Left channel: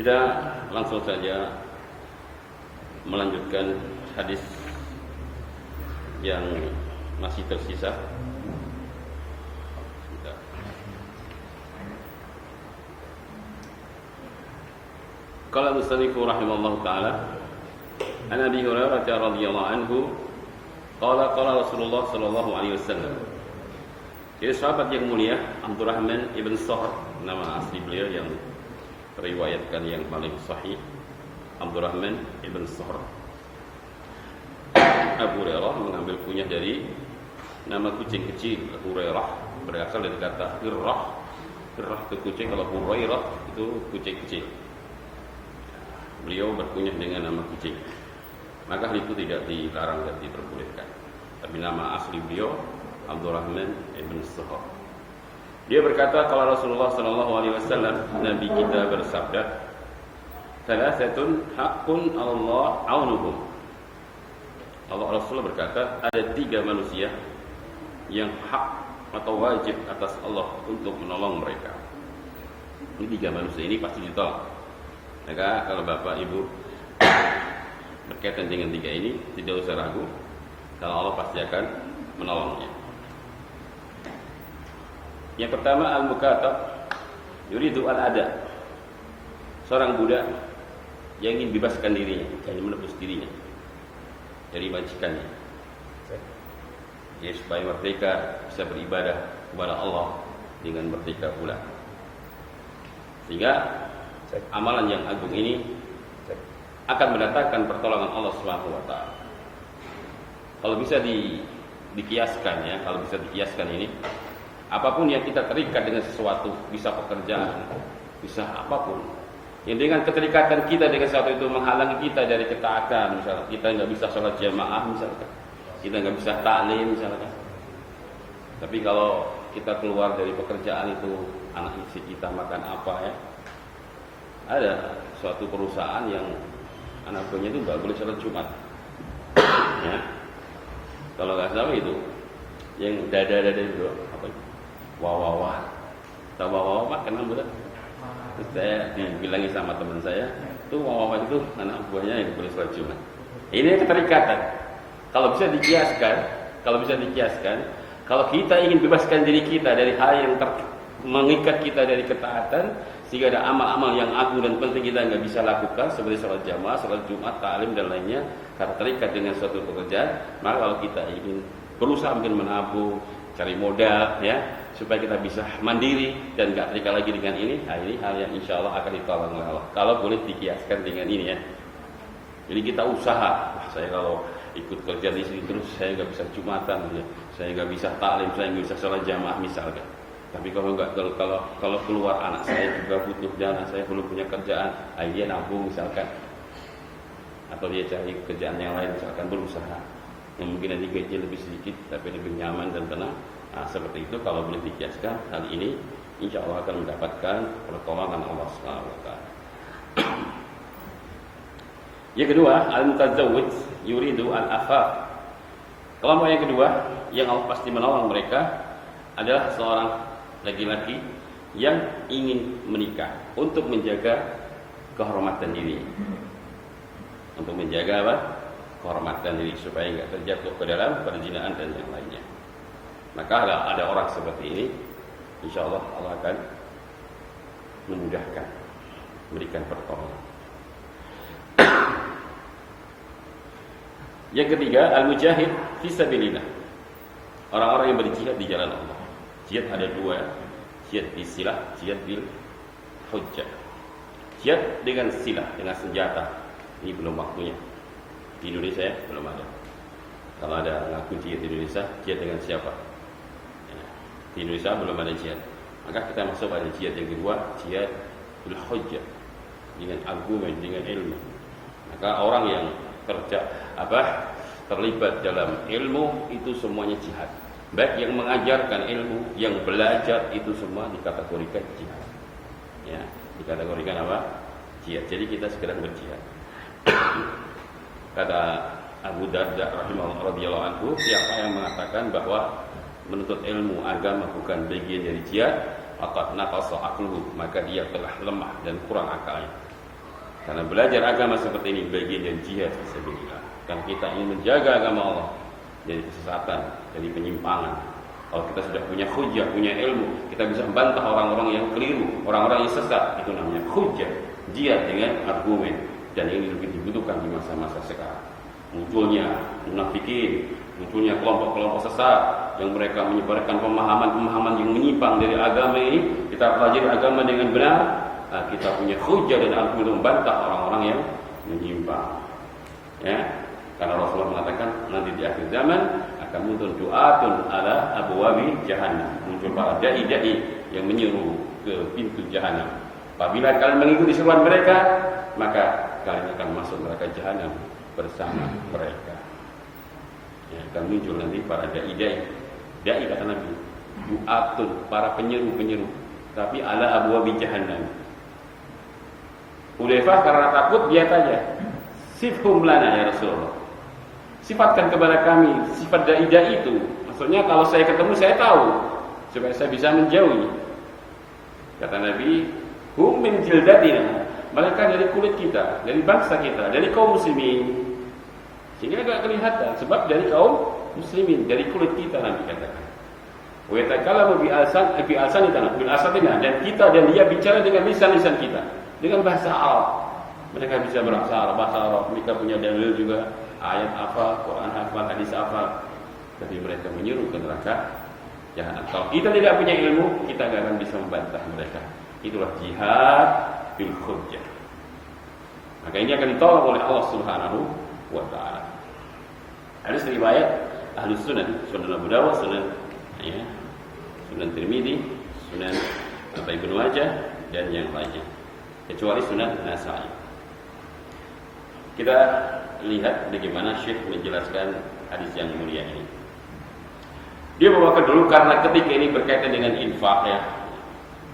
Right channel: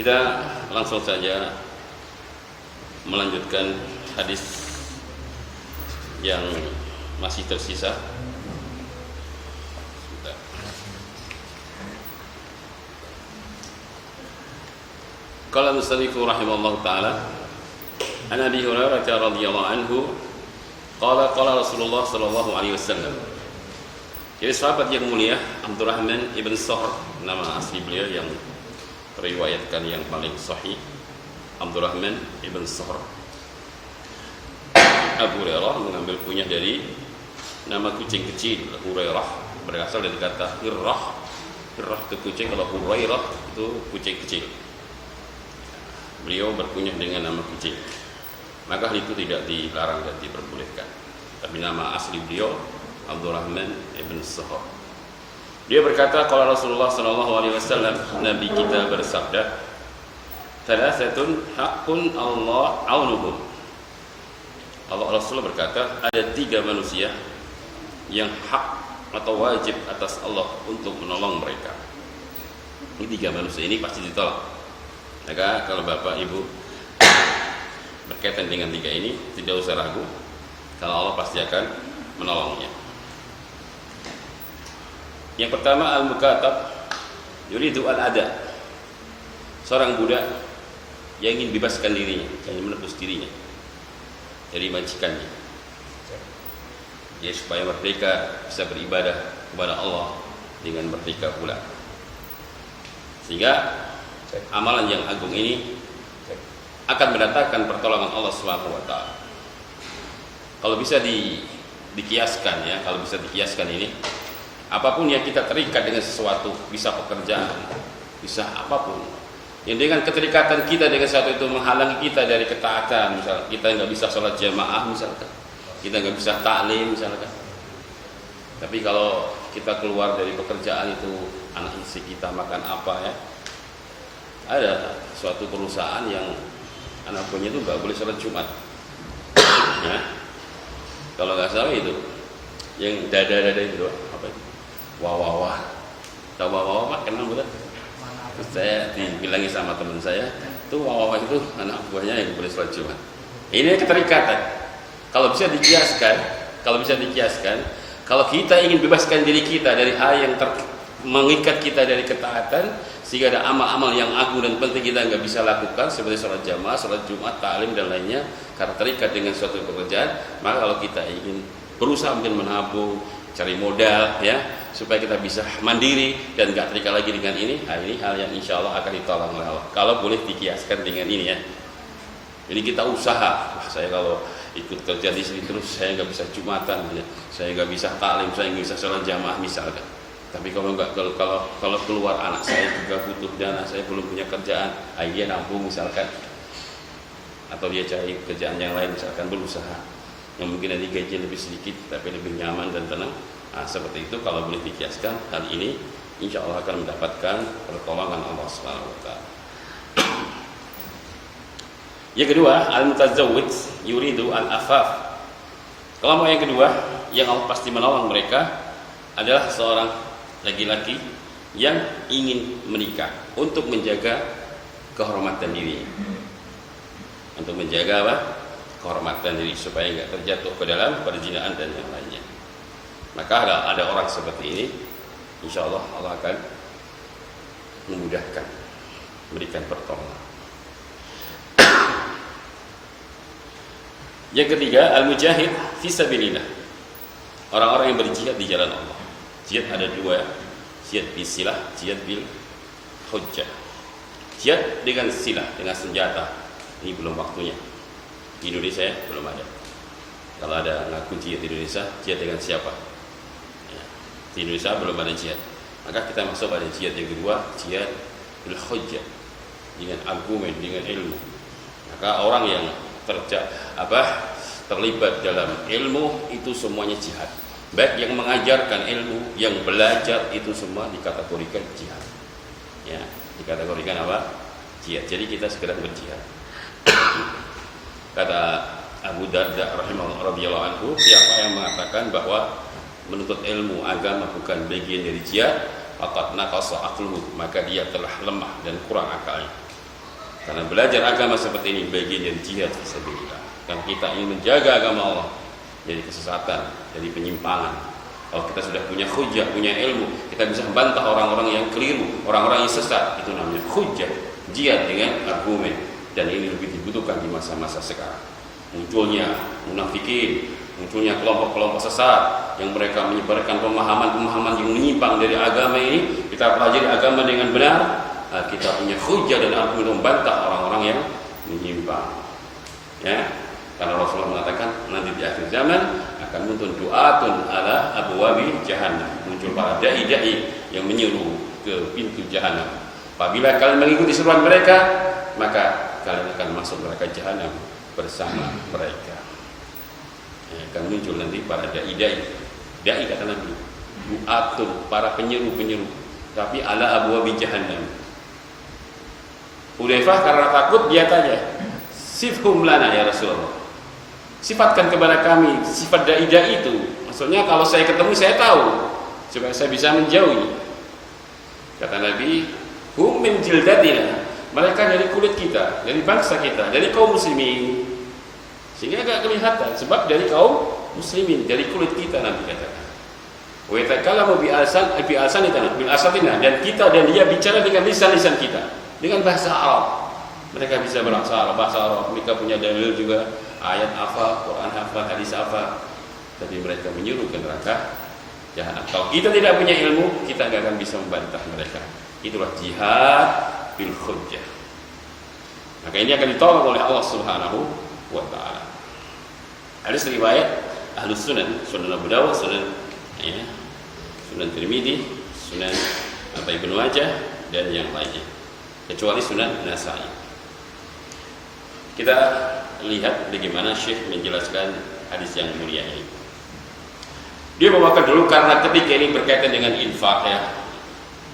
Kita langsung saja melanjutkan hadis yang masih tersisa. Qala musannifu rahimallahu taala an Abi Hurairah radhiyallahu anhu qala Rasulullah sallallahu alaihi wasallam. Jadi sahabat yang mulia Abdurrahman ibn Sahr, nama asli beliau yang teriwayatkan yang paling sahih, Abdurrahman ibn Sahr. Abu Hurairah mengambil kunyah dari nama kucing kecil. Hurairah berasal dari kata hirrah. Hirrah itu kucing, kalau Hurairah itu kucing kecil. Beliau berkunyah dengan nama kucing, maka hal itu tidak dilarang dan diperbolehkan. Tapi nama asli beliau Abdurrahman ibn Sahr. Dia berkata, kalau Rasulullah sallallahu alaihi wasallam, Nabi kita bersabda, "Thalathatun haqqun Allah aunuhum." Allah Rasulullah berkata, ada 3 manusia yang hak atau wajib atas Allah untuk menolong mereka. Ini 3 manusia ini pasti ditolong. Maka kalau Bapak Ibu berkaitan dengan 3 ini, tidak usah ragu, kalau Allah pasti akan menolongnya. Yang pertama, al-mukatab yuridu al-ada. Seorang budak yang ingin bebaskan dirinya, ingin menebus dirinya dari majikannya, ya, supaya merdeka, bisa beribadah kepada Allah dengan merdeka pula. Sehingga amalan yang agung ini akan mendatangkan pertolongan Allah Subhanahu wa taala. Kalau bisa dikiaskan, ya, kalau bisa dikiaskan ini, apapun yang kita terikat dengan sesuatu, bisa pekerjaan, bisa apapun, yang dengan keterikatan kita dengan sesuatu itu menghalangi kita dari ketaatan, misalnya kita nggak bisa sholat jamaah, misalkan kita nggak bisa taklim, misalkan. Tapi kalau kita keluar dari pekerjaan itu, anak istri kita makan apa, ya, ada suatu perusahaan yang anak buahnya itu nggak boleh sholat Jumat, ya. Kalau nggak salah itu yang dada itu apa itu, wah, tahu wah Pak, kenal bukan? Terus saya dibilangi sama teman saya, tuh wah itu anak buahnya yang boleh sholat Jumat. Ini keterikatan. Kalau bisa dikiaskan, kalau kita ingin bebaskan diri kita dari hal yang mengikat kita dari ketaatan, sehingga ada amal-amal yang agung dan penting kita nggak bisa lakukan, seperti sholat jamaah, sholat Jumat, taklim dan lainnya, karena terikat dengan suatu pekerjaan. Maka kalau kita ingin berusaha mungkin menabung, cari modal, ya, supaya kita bisa mandiri dan nggak terikat lagi dengan ini, ini hal yang insya Allah akan ditolong oleh Allah. Kalau boleh dikiaskan dengan ini, ya. Jadi kita usaha, saya kalau ikut kerja di sini terus saya nggak bisa Jumatan, ya. Saya nggak bisa taklim, saya nggak bisa sholat jamaah misalkan. Tapi kalau keluar anak saya juga butuh dana, saya belum punya kerjaan, dia nabung misalkan, atau dia cari kerjaan yang lain misalkan, berusaha yang mungkin nanti gaji lebih sedikit tapi lebih nyaman dan tenang. Nah, seperti itu kalau boleh dikiaskan, hal ini insya Allah akan mendapatkan pertolongan Allah Subhanahu wa taala. Yang kedua, al-mutazawwid yuridu al-afaf. Kelompok yang kedua yang Allah pasti menolong mereka adalah seorang laki-laki yang ingin menikah untuk menjaga kehormatan dirinya, untuk menjaga apa? Kehormatan diri, supaya nggak terjatuh ke dalam perzinahan dan yang lainnya. Maka ada orang seperti ini, insya Allah Allah akan memudahkan, memberikan pertolongan. Yang ketiga, al-mujahid fi sabilillah. Orang-orang yang berjihad di jalan Allah. Jihad ada 2, jihad bisilah, jihad bil hujjah. Jihad dengan silah, dengan senjata, ini belum waktunya. Di Indonesia ya, belum ada. Kalau ada ngaku jihad di Indonesia, jihad dengan siapa? Ya, di Indonesia belum ada jihad. Maka kita masuk pada jihad yang kedua, jihad bil hujjah, dengan argumen, dengan ilmu. Maka orang yang terlibat dalam ilmu itu semuanya jihad. Baik yang mengajarkan ilmu, yang belajar, itu semua dikategorikan jihad. Ya, dikategorikan apa? Jihad. Jadi kita segera berjihad. Kata Abu Darda radhiyallahu anhu, siapa yang mengatakan bahwa menuntut ilmu agama bukan bagian dari jihad, faqad naqasa aqluhu, maka dia telah lemah dan kurang akalnya. Karena belajar agama seperti ini bagian dari jihad fisabilillah. Kan kita ingin menjaga agama Allah dari kesesatan, dari penyimpangan. Kalau kita sudah punya hujjah, punya ilmu, kita bisa membantah orang-orang yang keliru, orang-orang yang sesat. Itu namanya hujjah, jihad dengan argumen. Dan ini lebih dibutuhkan di masa-masa sekarang. Munculnya munafikin, munculnya kelompok-kelompok sesat yang mereka menyebarkan pemahaman-pemahaman yang menyimpang dari agama ini. Kita pelajari agama dengan benar, kita punya hujjah dan argumen membantah orang-orang yang menyimpang. Ya, karena Rasulullah mengatakan nanti di akhir zaman akan muncul du'atun ala abwabi jahannam, muncul para dai-dai yang menyeru ke pintu jahannam. Apabila kalian mengikuti seruan mereka, maka kalian akan masuk neraka jahannam bersama mereka. Ya, akan muncul nanti para dai-dai. Dai kata Nabi, du'atun, para penyeru-penyeru, tapi ala abwabi jahannam. Hudzaifah karena takut dia tanya, sifhum lana ya Rasulullah, sifatkan kepada kami sifat dai-dai itu. Maksudnya kalau saya ketemu saya tahu, supaya saya bisa menjauhi. Kata Nabi, hum min jildatina, mereka dari kulit kita, dari bangsa kita, dari kaum muslimin. Sini agak kelihatan sebab dari kaum muslimin, dari kulit kita. Nabi katakan, wa yatakallamu bi asatina, dan kita dan dia bicara dengan lisan-lisan kita, dengan bahasa Arab. Mereka bisa bahasa Arab, mereka punya dalil juga, ayat hafal, Quran hafal, hadis hafal, tapi mereka menyuruh ke neraka jahanam. Kalau kita tidak punya ilmu, kita tidak akan bisa membantah mereka. Itulah jihad bil hujjah. Maka ini akan ditolak oleh Allah Subhanahu wa taala. Ada riwayat Ahlus Sunan, Sunan Abu Dawud, Sunan Tirmidzi, Sunan Ibnu Majah dan yang lainnya, kecuali Sunan Nasa'i. Kita lihat bagaimana Syekh menjelaskan hadis yang mulia ini. Dia membawakan dulu karena ketika ini berkaitan dengan infak ya.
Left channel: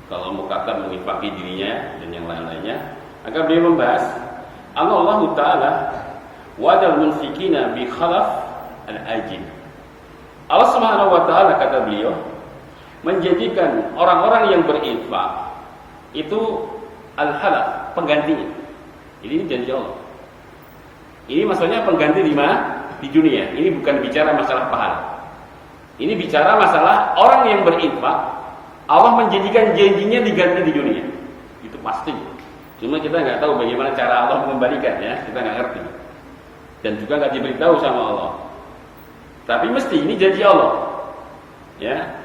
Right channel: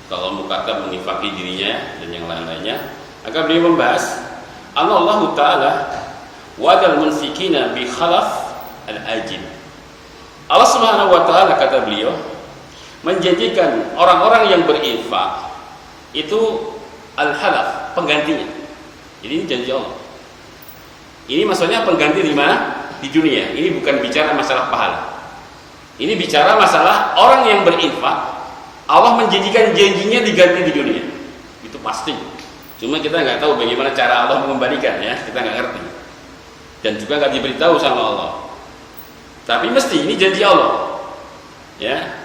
Kalau mukatab menginfaki dirinya dan yang lain-lainnya, akan beliau membahas Allah Ta'ala wadal munfikina bi khalaf al-ajin. Allah Subhanahu wa taala, kata beliau, menjanjikan orang-orang yang berinfak itu al-halaf, penggantinya. Jadi ini janji Allah. Ini maksudnya pengganti di mana? Di dunia. Ini bukan bicara masalah pahala. Ini bicara masalah orang yang berinfak, Allah menjanjikan janjinya diganti di dunia. Itu pasti. Cuma kita nggak tahu bagaimana cara Allah mengembalikan ya, kita nggak ngerti. Dan juga nggak diberitahu sama Allah. Tapi mesti ini janji Allah. Ya.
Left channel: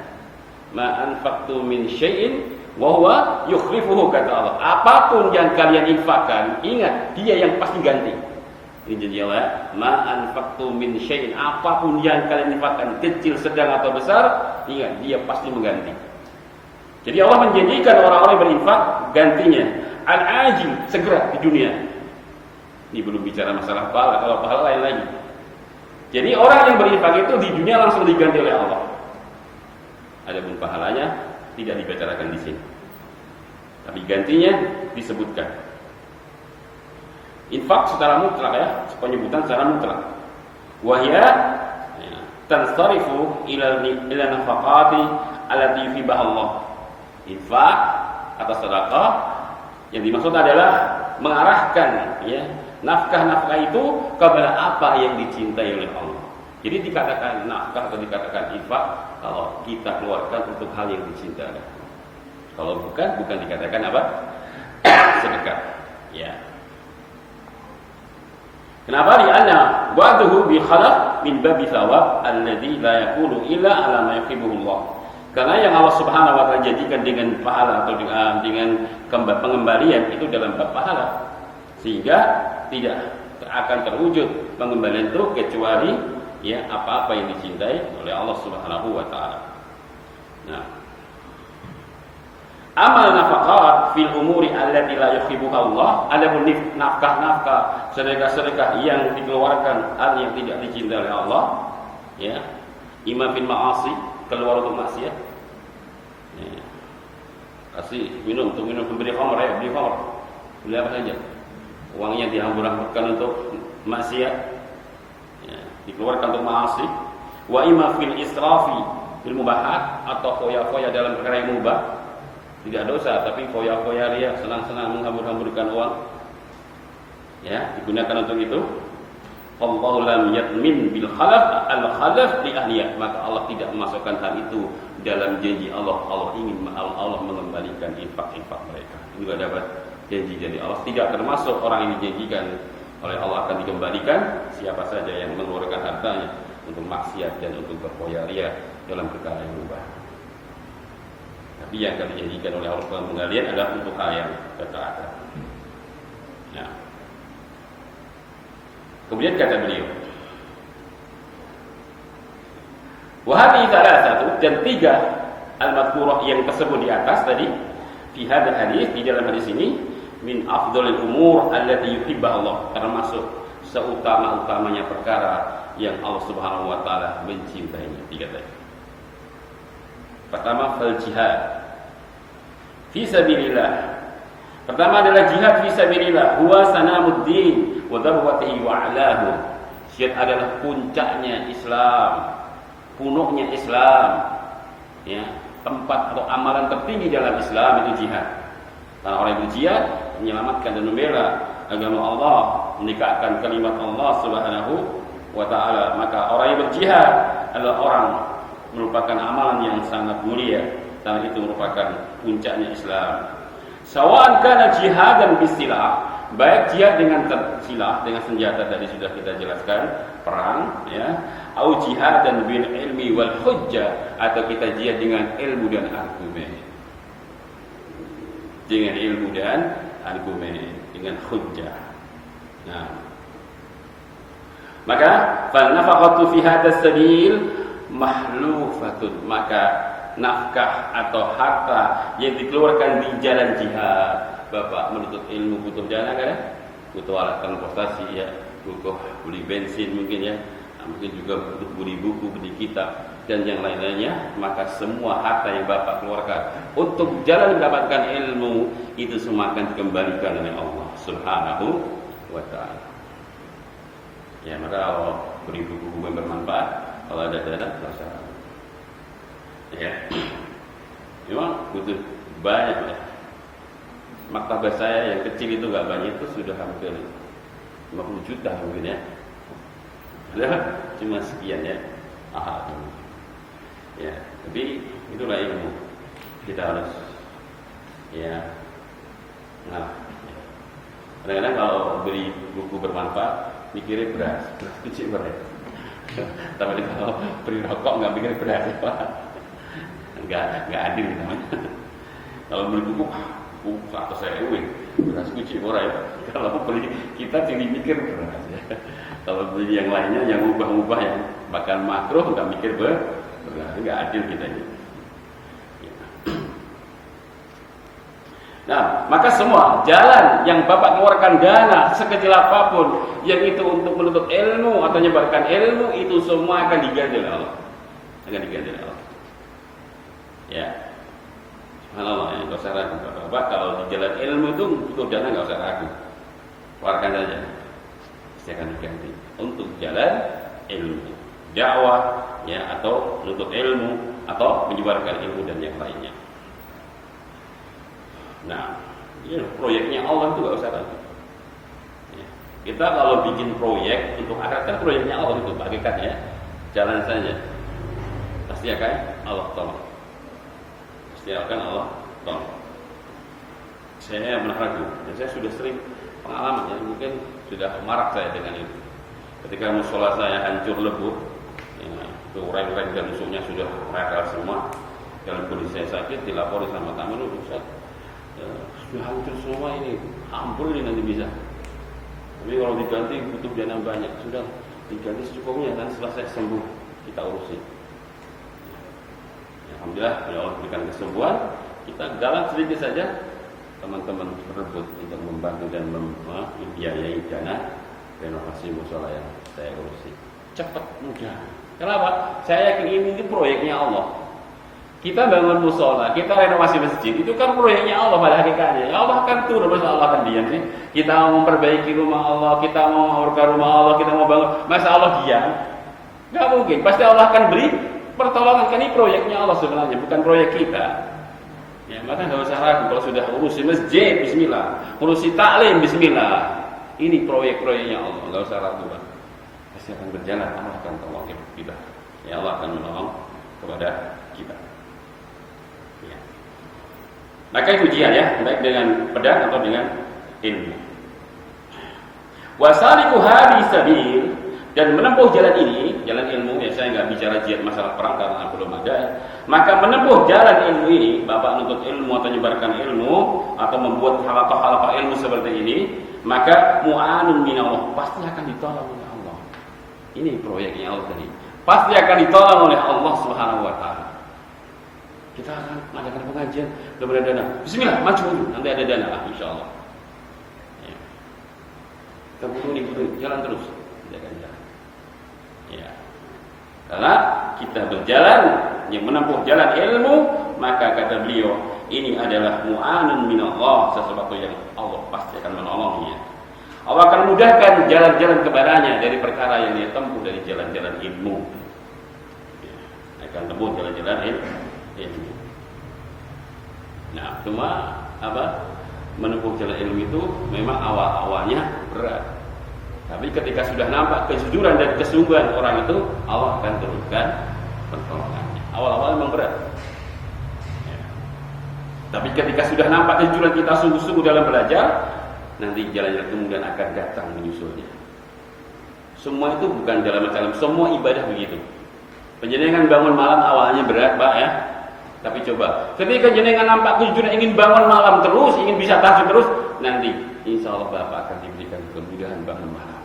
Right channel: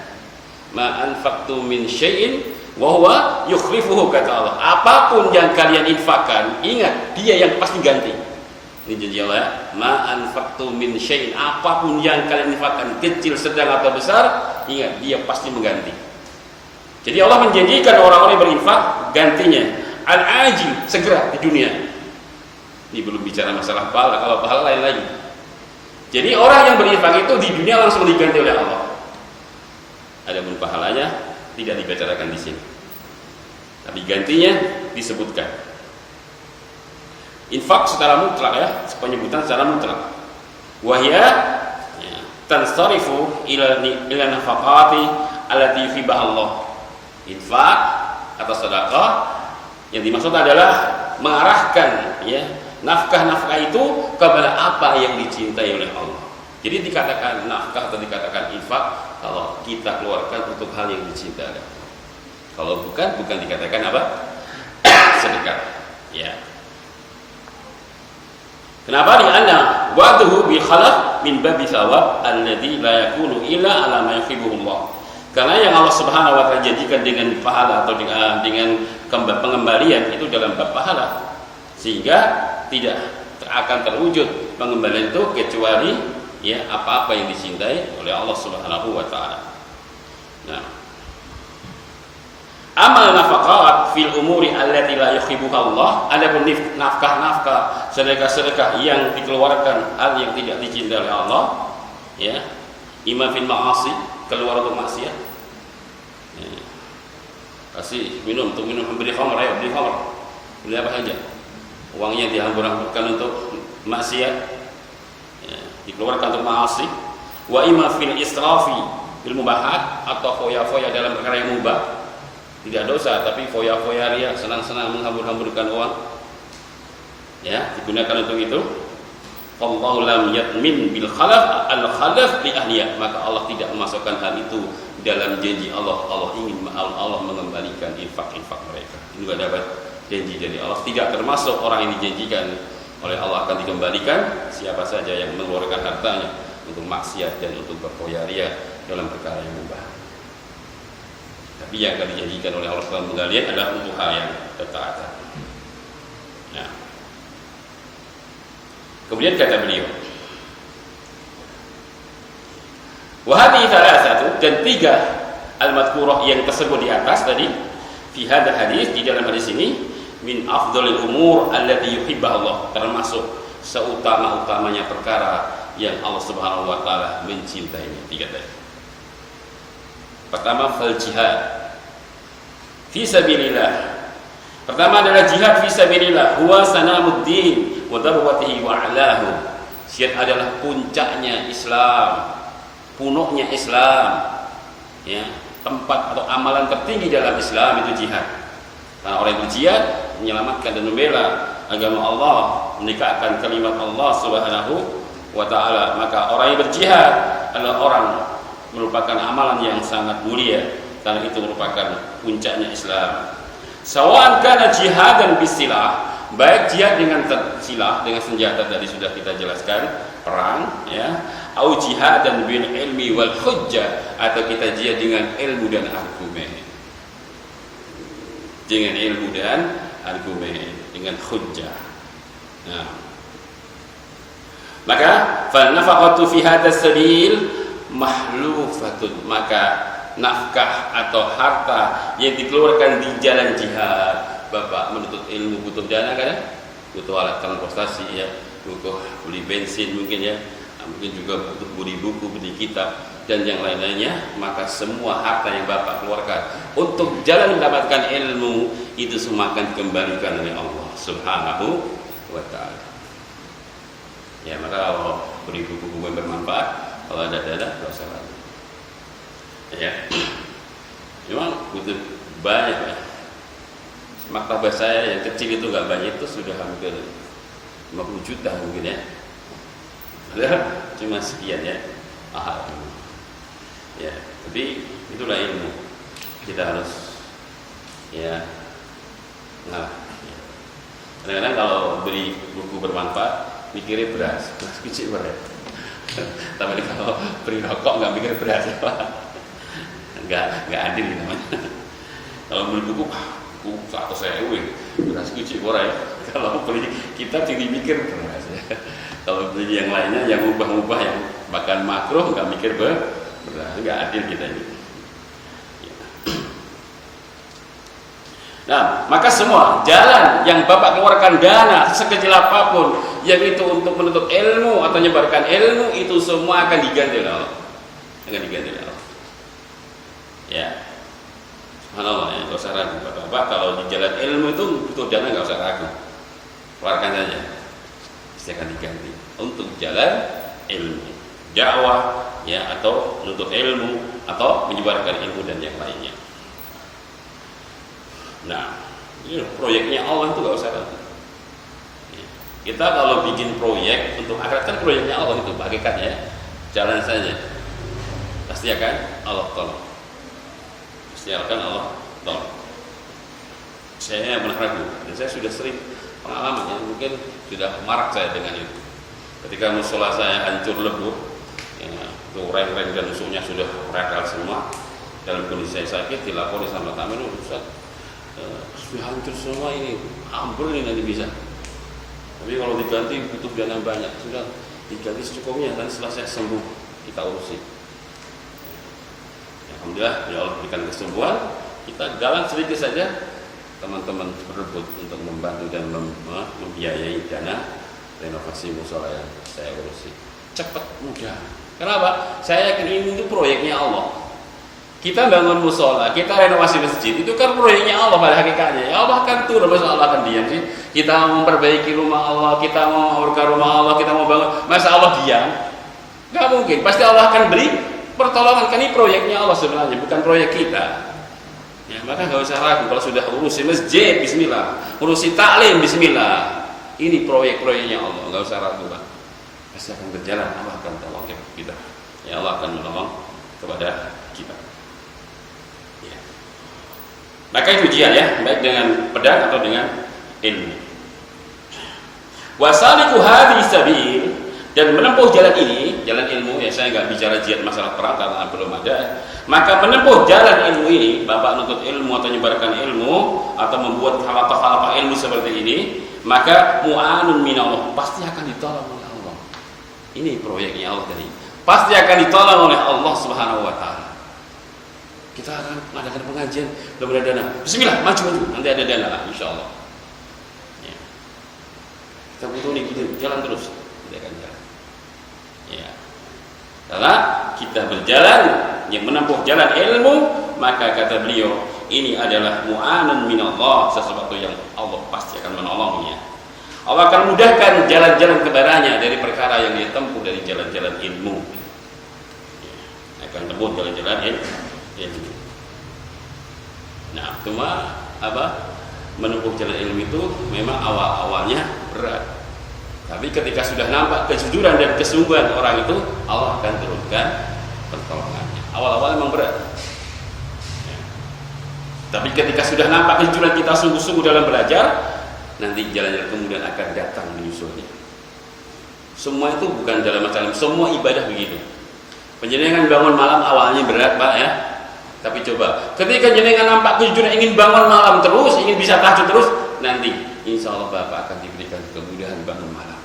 Ma anfaqtu min syai'in wa huwa yukhlifuhu, kata Allah. Apapun yang kalian infakkan, ingat dia yang pasti ganti. Ini janji Allah ya. Ma anfaqtu min syai'in, apapun yang kalian infakkan, kecil, sedang atau besar, ingat dia pasti mengganti. Jadi Allah menjanjikan orang-orang yang berinfak gantinya al-ajil, segera di dunia. Ini belum bicara masalah pahala, kalau pahala lain lagi. Jadi orang yang berinfak itu di dunia langsung diganti oleh Allah. Adapun pahalanya tidak dibicarakan di sini. Tapi gantinya disebutkan. Infak secara mutlak ya, penyebutan secara mutlak. Wahya tansarifu ila nafaqati allati yuhibbuha Allah. Infak atau sedekah yang dimaksud adalah mengarahkan ya nafkah-nafkah itu kepada apa yang dicintai oleh Allah. Jadi dikatakan nafkah atau dikatakan infak kalau kita keluarkan untuk hal yang dicintai oleh Allah. Kalau bukan dikatakan apa? Sedekah. Ya. Kenapa? Li'anna wa'duhu bi khalaq min babi thawab alladhi la yakunu illa ala ma yuhibbuhu Allah. Karena yang Allah Subhanahu wa taala janjikan dengan pahala atau dengan pengembalian itu dalam bab pahala, sehingga tidak akan terwujud pengembalian itu kecuali ya apa-apa yang dicintai oleh Allah Subhanahu wa taala. Nah, amal nafaqat fil umuri allati la yuhibbuha Allah, adapun nafkah-nafkah, sedekah-sedekah yang dikeluarkan hal yang tidak dicintai oleh Allah, ya, imma fil ma'asi, keluar untuk maksiat. Ya. Kasih minum untuk minum, memberi khamr ya, beli khamr. Beli apa saja. Uangnya dihambur-hamburkan untuk maksiat. Ya, dikeluarkan untuk maasi. Wa imma fil israfi bil mubahat, atau foya-foya dalam perkara yang mubah. Tidak dosa, tapi foya-foya ria, senang-senang menghambur-hamburkan uang. ya, digunakan untuk itu. Allahu lam yatmin bil khalaf al khalaf li ahliya, maka Allah tidak memasukkan hal itu dalam janji Allah. Allah ingin Allah mengembalikan infak-infak mereka. Ini juga dapat janji dari Allah, tidak termasuk orang yang dijanjikan oleh Allah akan dikembalikan siapa saja yang mengeluarkan hartanya untuk maksiat dan untuk berpoya-ria dalam perkara yang mubah. Tapi yang akan dijanjikan oleh Allah SWT adalah untuk hal yang ketaatan. Nah, kemudian kata beliau, wahadi thalathatu, dan tiga al-madhkurah yang tersebut di atas tadi, fi hadzal hadis, di dalam hadis ini, min afdhalil umur allati yuhibbuha Allah, termasuk seutama-utamanya perkara yang Allah Subhanahu wa taala mencintai. Tiga tadi. Pertama, fal jihad fi sabilillah. Pertama adalah jihad fi sabilillah, huwa sanamuddin wa darwatihi wa a'lahu. Jihad adalah puncaknya Islam, punuknya Islam, ya, tempat atau amalan tertinggi dalam Islam itu jihad. Karena orang yang berjihad menyelamatkan dan membela agama Allah, menegakkan kalimat Allah Subhanahu wa taala, maka orang yang berjihad adalah orang merupakan amalan yang sangat mulia, karena itu merupakan puncaknya Islam. Sawa'an kana jihadan bisilah, baik jihad dengan silah, dengan senjata tadi sudah kita jelaskan, perang, ya, au jihadan bil ilmi wal hujjah, atau kita jihad dengan ilmu dan argumen. Dengan ilmu dan argumen, dengan hujjah. Nah, maka fal nafaqatu fi hadzal sabil mahlufatun, maka nafkah atau harta yang dikeluarkan di jalan jihad. Bapak menuntut ilmu butuh dana kan? Butuh alat transportasi, ya, butuh beli bensin mungkin, ya, mungkin juga butuh beli buku, beli kitab dan yang lain-lainnya. Maka semua harta yang Bapak keluarkan untuk jalan mendapatkan ilmu itu semua akan dikembalikan oleh Allah Subhanahu wa taala. Ya, maka kalau beli buku-buku yang bermanfaat, kalau ada dana enggak usah ragu. Ya, memang butuh banyak, ya. Maktabah saya yang kecil itu nggak banyak, itu sudah hampir 50 juta mungkin, ya. Padahal cuma sekian, ya. Ya, tapi itulah ilmu. Kita harus, ya, nah, kadang-kadang kalau beli buku bermanfaat mikirnya beras kecil berat. Tapi kalau beli rokok nggak mikir beras, ya, Pak. Nggak adil namanya. Kalau beli buku 100.000 beras kucing orang, ya. Kalau beli kitab jadi mikir beras, ya. Kalau beli yang lainnya yang ubah-ubah, yang bahkan makruh, nggak mikir beras, nggak adil kita ini. Ya. Nah, maka semua jalan yang Bapak keluarkan dana sekecil apapun, yang itu untuk menuntut ilmu atau menyebarkan ilmu, itu semua akan diganti oleh Allah. Akan diganti oleh Allah. Ya, subhanallah, ya, nggak usah ragu, Bapak. Kalau di jalan ilmu itu butuh dana, nggak usah ragu, keluarkan saja, pasti akan diganti untuk jalan ilmu, dakwah, ya, atau menuntut ilmu atau menyebarkan ilmu dan yang lainnya. Nah, ini proyeknya Allah itu nggak usah ragu. Ya. Kita kalau bikin proyek untuk akhirat, kan proyeknya Allah itu, bagikan, ya, jalan saja, pasti akan Allah tolong. Akan Allah tolong. Saya pernah ragu, dan saya sudah sering pengalaman, ya, mungkin sudah marak saya dengan itu. Ketika musola saya hancur lebur, ya, itu reng-reng dan musuhnya sudah radal semua, dalam kondisi saya sakit, dilapori sama tamu, Ustaz, sudah hancur semua ini, ampun ini nanti bisa. Tapi kalau diganti butuh dana banyak, sudah diganti secukupnya, dan setelah saya sembuh kita urusin. Alhamdulillah, ya Allah berikan kesembuhan. Kita jalan sedikit saja, teman-teman berebut untuk membantu dan membiayai dana renovasi musola yang saya urusi. Cepat, mudah. Kenapa? Saya yakin ini itu proyeknya Allah. Kita bangun musola, kita renovasi masjid, itu kan proyeknya Allah pada hakikatnya. Allah akan turun, masa Allah akan diam sih? Kita mau memperbaiki rumah Allah, kita mau memperbaiki rumah Allah, kita mau bangun, masa Allah diam? Nggak mungkin. Pasti Allah akan beri pertolongan, kan ini proyeknya Allah sebenarnya, bukan proyek kita. Ya, maka nggak usah ragu, kalau sudah urusi masjid, bismillah, urusi taklim, bismillah, Ini proyek-proyeknya Allah, nggak usah ragu Pak. Pasti akan berjalan, Allah akan tolong kita. Ya Allah akan menolong kepada kita. Ya. Maka itu ujian ya, baik dengan pedang atau dengan ilmu. Wasaliku hadhihi sabil, dan menempuh jalan ini, jalan ilmu, ya saya nggak bicara jihad masalah perang karena belum ada. Maka menempuh jalan ilmu ini, Bapak nuntut ilmu atau menyebarkan ilmu atau membuat halaqah-halaqah ilmu seperti ini, maka mu'anun minallah, pasti akan ditolong oleh Allah. Ini proyeknya Allah tadi. Pasti akan ditolong oleh Allah Subhanahu wa taala. Kita akan mengadakan pengajian, belum ada dana. Bismillah, maju, nanti ada dana lah insyaallah. Ya. Kita butuh jalan terus, tidak akan jalan. Ya. Karena kita berjalan yang menempuh jalan ilmu, maka kata beliau, ini adalah mu'anun minallah, sesuatu yang Allah pasti akan menolongnya. Allah akan mudahkan jalan-jalan kepadanya dari perkara yang dia tempuh dari jalan-jalan ilmu. Ya, akan tempuh jalan-jalan ilmu. Nah, cuma menempuh jalan ilmu itu memang awal-awalnya berat. Tapi ketika sudah nampak kejujuran dan kesungguhan orang itu, Allah akan turunkan pertolongannya. Awal-awal memang berat. Ya. Tapi ketika sudah nampak kejujuran kita sungguh-sungguh dalam belajar, nanti jalan-jalan kemudian akan datang menyusulnya. Semua itu bukan dalam macam, semua ibadah begitu. Penjenengan bangun malam awalnya berat Pak ya. Tapi coba, ketika jenengan nampak kejujuran ingin bangun malam terus, ingin bisa tahajud terus, nanti insya Allah Bapak akan diberikan kemudahan bangun malam.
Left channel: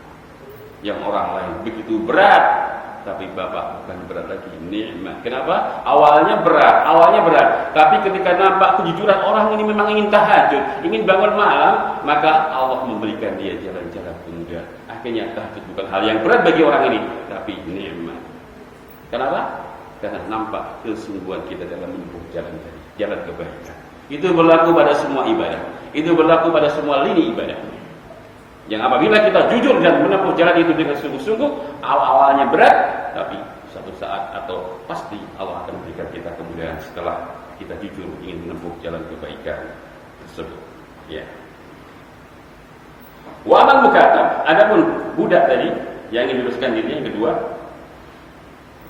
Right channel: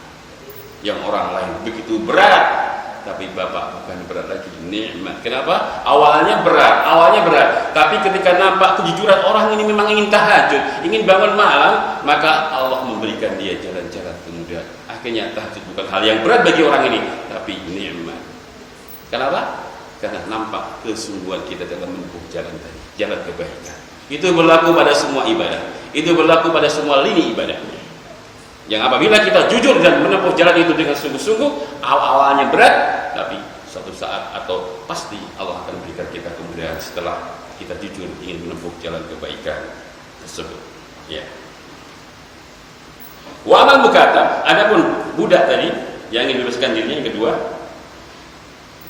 Yang orang lain begitu berat, tapi Bapak bukan berat lagi, nikmat. Kenapa? Awalnya berat. Tapi ketika nampak kejujuran orang ini memang ingin tahajud, ingin bangun malam, maka Allah memberikan dia jalan-jalan kemudian. Akhirnya tahajud bukan hal yang berat bagi orang ini, tapi nikmat. Kenapa? Karena nampak kesungguhan kita dalam menempuh jalan tadi, jalan kebaikan. Itu berlaku pada semua ibadah. Itu berlaku pada semua lini ibadah. Yang apabila kita jujur dan menempuh jalan itu dengan sungguh-sungguh, awalnya berat, tapi suatu saat atau pasti Allah akan berikan kita kemudahan setelah kita jujur ingin menempuh jalan kebaikan tersebut. Ya. Wa amal mukatab, adapun budak tadi yang ingin bebaskan dirinya yang kedua,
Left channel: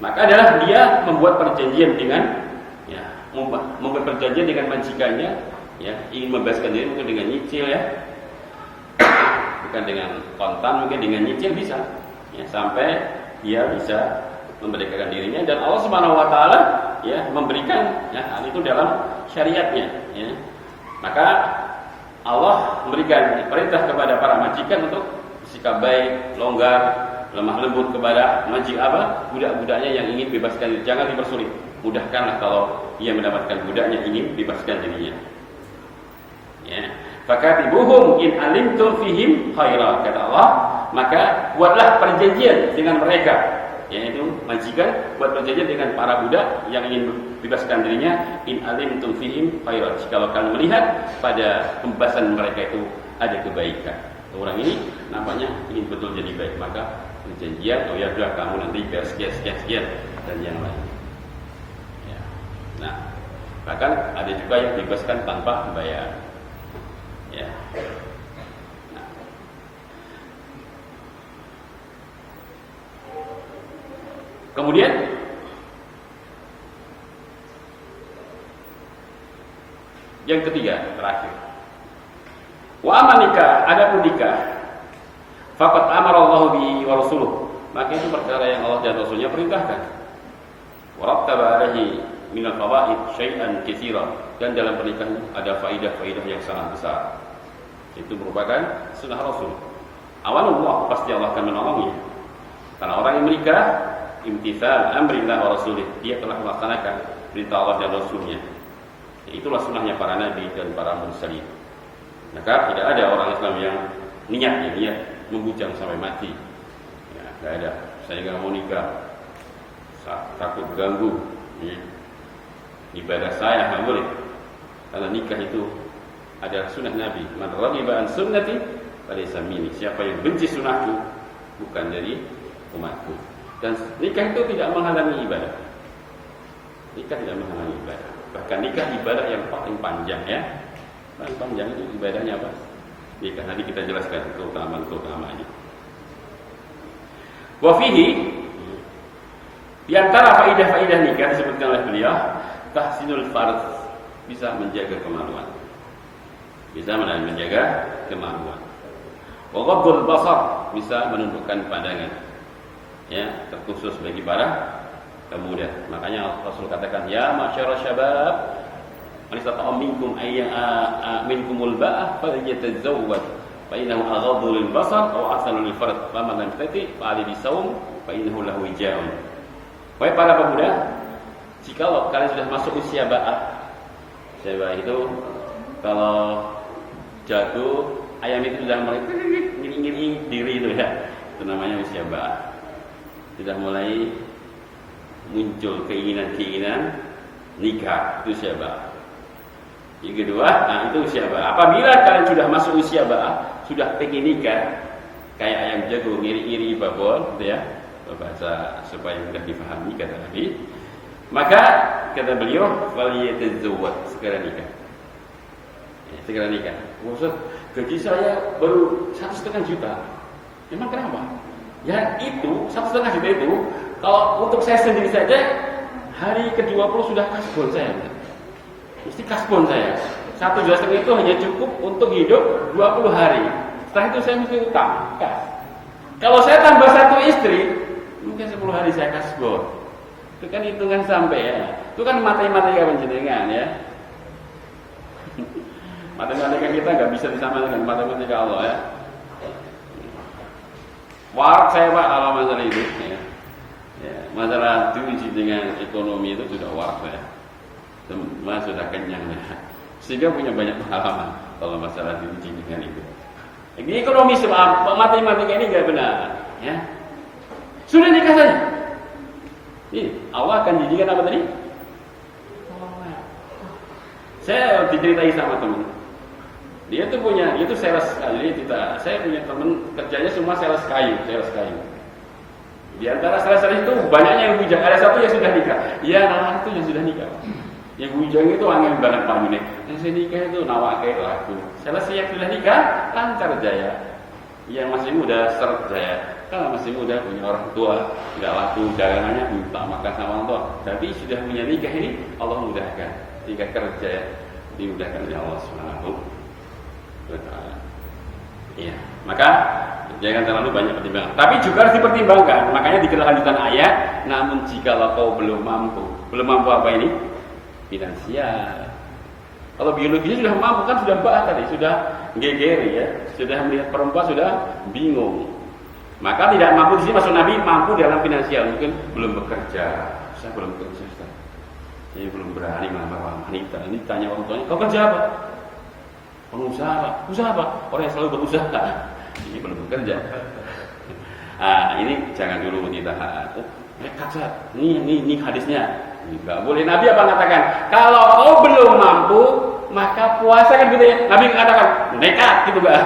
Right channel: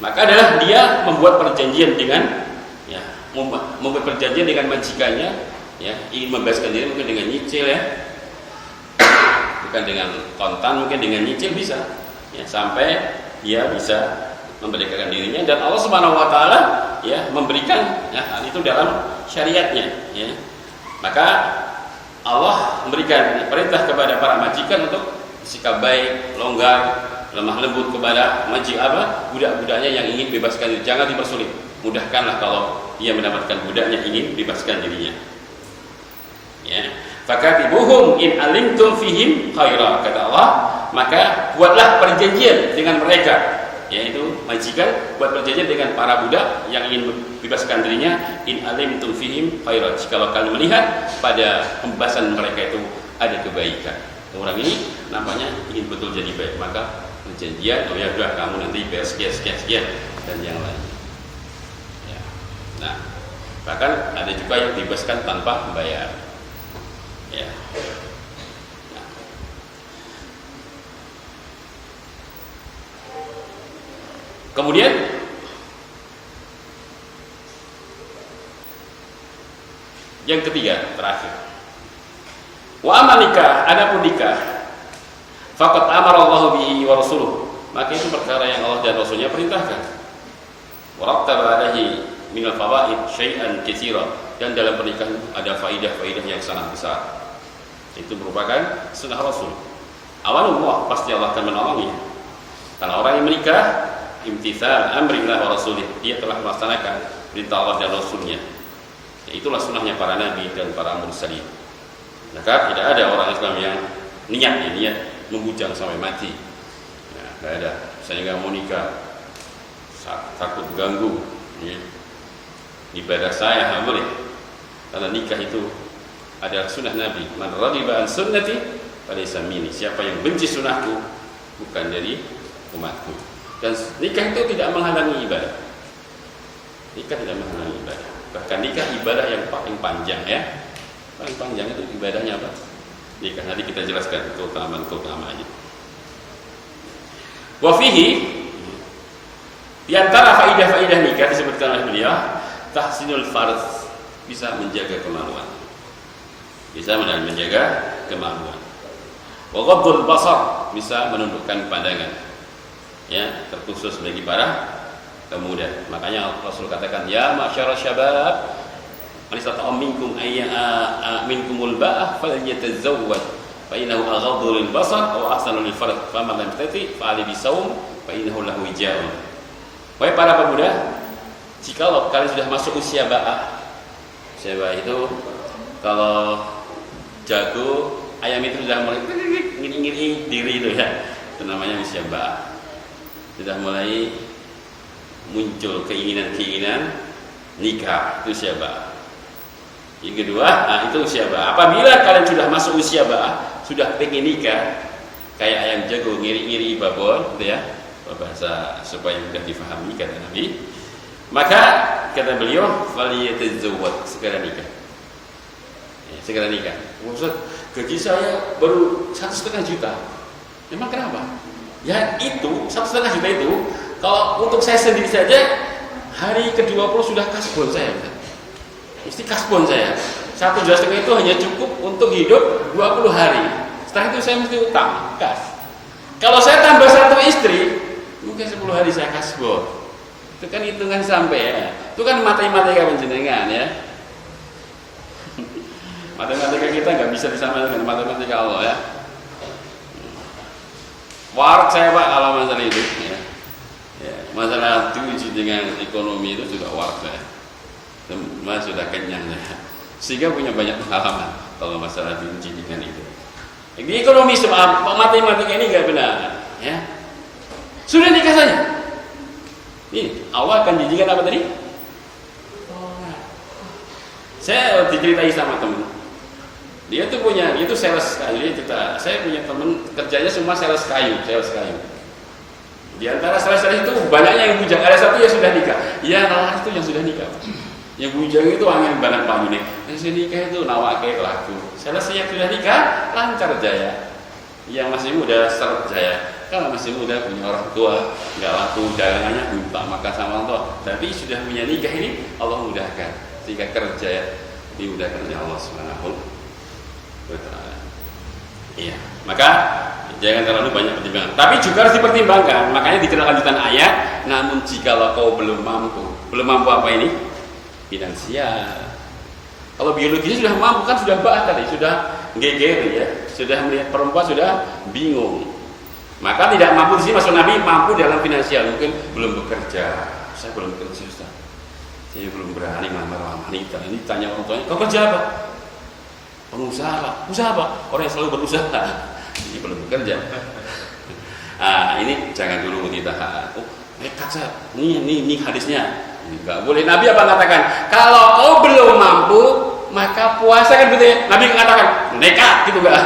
maka adalah dia membuat perjanjian dengan membuat perjanjian dengan majikannya, ya, ingin membebaskan diri mungkin dengan nyicil ya. Bukan dengan kontan, mungkin dengan nyicil bisa ya, sampai dia bisa memerdekakan dirinya, dan Allah Subhanahu wa taala ya memberikan ya, hal itu dalam syariatnya ya. Maka Allah memberikan perintah kepada para majikan untuk sikap baik, longgar, lemah lembut kepada budak-budaknya yang ingin bebaskan diri. Jangan dipersulit, mudahkanlah kalau ia mendapatkan budaknya ingin bebaskan dirinya ya. Fakatibuhum in alimtum fihim khairan, kata Allah, maka buatlah perjanjian dengan mereka, yaitu majikan buat perjanjian dengan para budak yang ingin bebaskan dirinya, in alimtum fihim khairan, jikalau kalian melihat pada pembebasan mereka itu ada kebaikan. Orang ini nampaknya ingin betul jadi baik, maka perjanjian, oh ya sudah kamu nanti bayar sekian dan yang lain ya. Nah, bahkan ada juga yang dibebaskan tanpa bayar ya. Nah. Kemudian yang ketiga terakhir, wa amanika, adapun nikah, faqad amara Allah bihi wa rasuluh, maka itu perkara yang Allah dan Rasulnya perintahkan. Wa rattaba alaihi min al-fawaid syai'an katsira, dan dalam pernikahan ada faidah-faidah yang sangat besar. Itu merupakan sunnah Rasul. Awalullah, pasti Allah akan menolongnya. Karena orang yang menikah imtithal amrillah wa rasulih, dia telah melaksanakan perintah Allah dan Rasulnya. Itulah sunnahnya para nabi dan para mursalin. Maka tidak ada orang Islam yang niat membujang sampai mati ya, tidak ada. Saya nggak mau nikah, takut ganggu ya, ibadah saya, nggak boleh. Karena nikah itu adalah sunnah Nabi. Man raghiba an sunnati falaysa minni, siapa yang benci sunnahku bukan dari umatku. Dan nikah itu tidak menghalangi ibadah. Nikah tidak menghalangi ibadah. Bahkan nikah ibadah yang paling panjang ya. Paling panjang itu ibadahnya apa? nikah. Nanti kita jelaskan keutamaannya. Wa fihi, di antara faidah-faidah nikah disebutkan oleh beliau, tahsinul farz, bisa menjaga kemaluan. Bisa menjaga kemaluan. Wa ghaddul basar, bisa menundukkan pandangan. Ya, terkhusus bagi para pemuda. Makanya Rasul katakan, ya ma'syarasy syabab, man istata'a minkum minkumul ba'ah falyatazawwaj fa innahu aghaddu lil basar aw ahsanu lil farj faman lam yastati fa alayhi bisawm fa innahu lahu wijaa'un. Wahai para pemuda, jikalau kalian sudah masuk usia ba'ah. Usia ba'ah itu kalau jago ayam itu sudah mulai ngiri-ngiri diri itu ya, itu namanya usia ba'ah. Sudah mulai muncul keinginan-keinginan nikah, itu usia ba'ah. Yang kedua, itu usia ba'ah. Apabila kalian sudah masuk usia ba'ah, sudah pengen nikah, kayak ayam jago ngiri-ngiri babon, gitu ya, bahasa supaya mudah difahami kata Nabi, maka kata beliau, faliyatazawwaj, segera nikah. Ya, segera nikah. Ustaz, gaji saya baru 1,5 juta. Emang kenapa? Ya itu 1,5 juta itu, kalau untuk saya sendiri saja, hari ke-20 sudah kasbon saya. Mesti kasbon saya. 1,5 juta itu hanya cukup untuk hidup 20 hari. Setelah itu saya mesti utang, kas. Kalau saya tambah 1 istri, mungkin 10 hari saya kasbon. Itu kan hitungan sampai ya. Itu kan matematika panjenengan ya. Matematika kita nggak bisa disamakan dengan matematika Allah ya. Warak saya Pak kalau masalah itu ya. Ya, masalah uji dengan ekonomi itu sudah warak saya. Semua sudah kenyang ya. Sehingga punya banyak pengalaman kalau masalah diuji dengan itu. Di ekonomi sebab matematika ini nggak benar ya. Sudah nikah saja. Ini Allah akan dijikan apa tadi? Saya diceritai sama teman. Dia tuh punya, itu sales kayu. Saya punya teman kerjanya semua sales kayu. Di antara sales itu banyaknya yang bujang. Ada satu yang sudah nikah. Iya, nalar itu yang sudah nikah. Yang bujang itu angin banget Pak Yuni. Yang sudah nikah itu nawake laku. Sales yang sudah nikah lancar jaya. Yang masih muda seret jaya. Kalau masih muda punya orang tua, nggak laku dagangannya minta makan sama orang tua. Tapi sudah punya nikah ini Allah mudahkan. Jika kerja ya dimudahkan oleh Allah Subhanahu wa Ta'ala. Iya, maka jangan terlalu banyak pertimbangan. Tapi juga harus dipertimbangkan. Makanya di kelanjutan ayat, namun jikalau kau belum mampu apa ini? Finansial. Kalau biologisnya sudah mampu kan sudah tadi, sudah geger ya, sudah melihat perempuan sudah bingung. Maka tidak mampu di sini maksud Nabi mampu dalam finansial, mungkin belum bekerja. Saya belum bekerja, Ustaz. Saya belum berani melamar wanita. Ini tanya orang tuanya, kau kerja apa? Pengusaha. Usaha apa? Orang yang selalu berusaha. Ini belum bekerja. Ini jangan dulu kita. Nekat Ustaz. Ini hadisnya. Enggak boleh. Nabi apa mengatakan? Kalau kau belum mampu, maka puasa kan begitu ya. Nabi mengatakan nekat gitu enggak?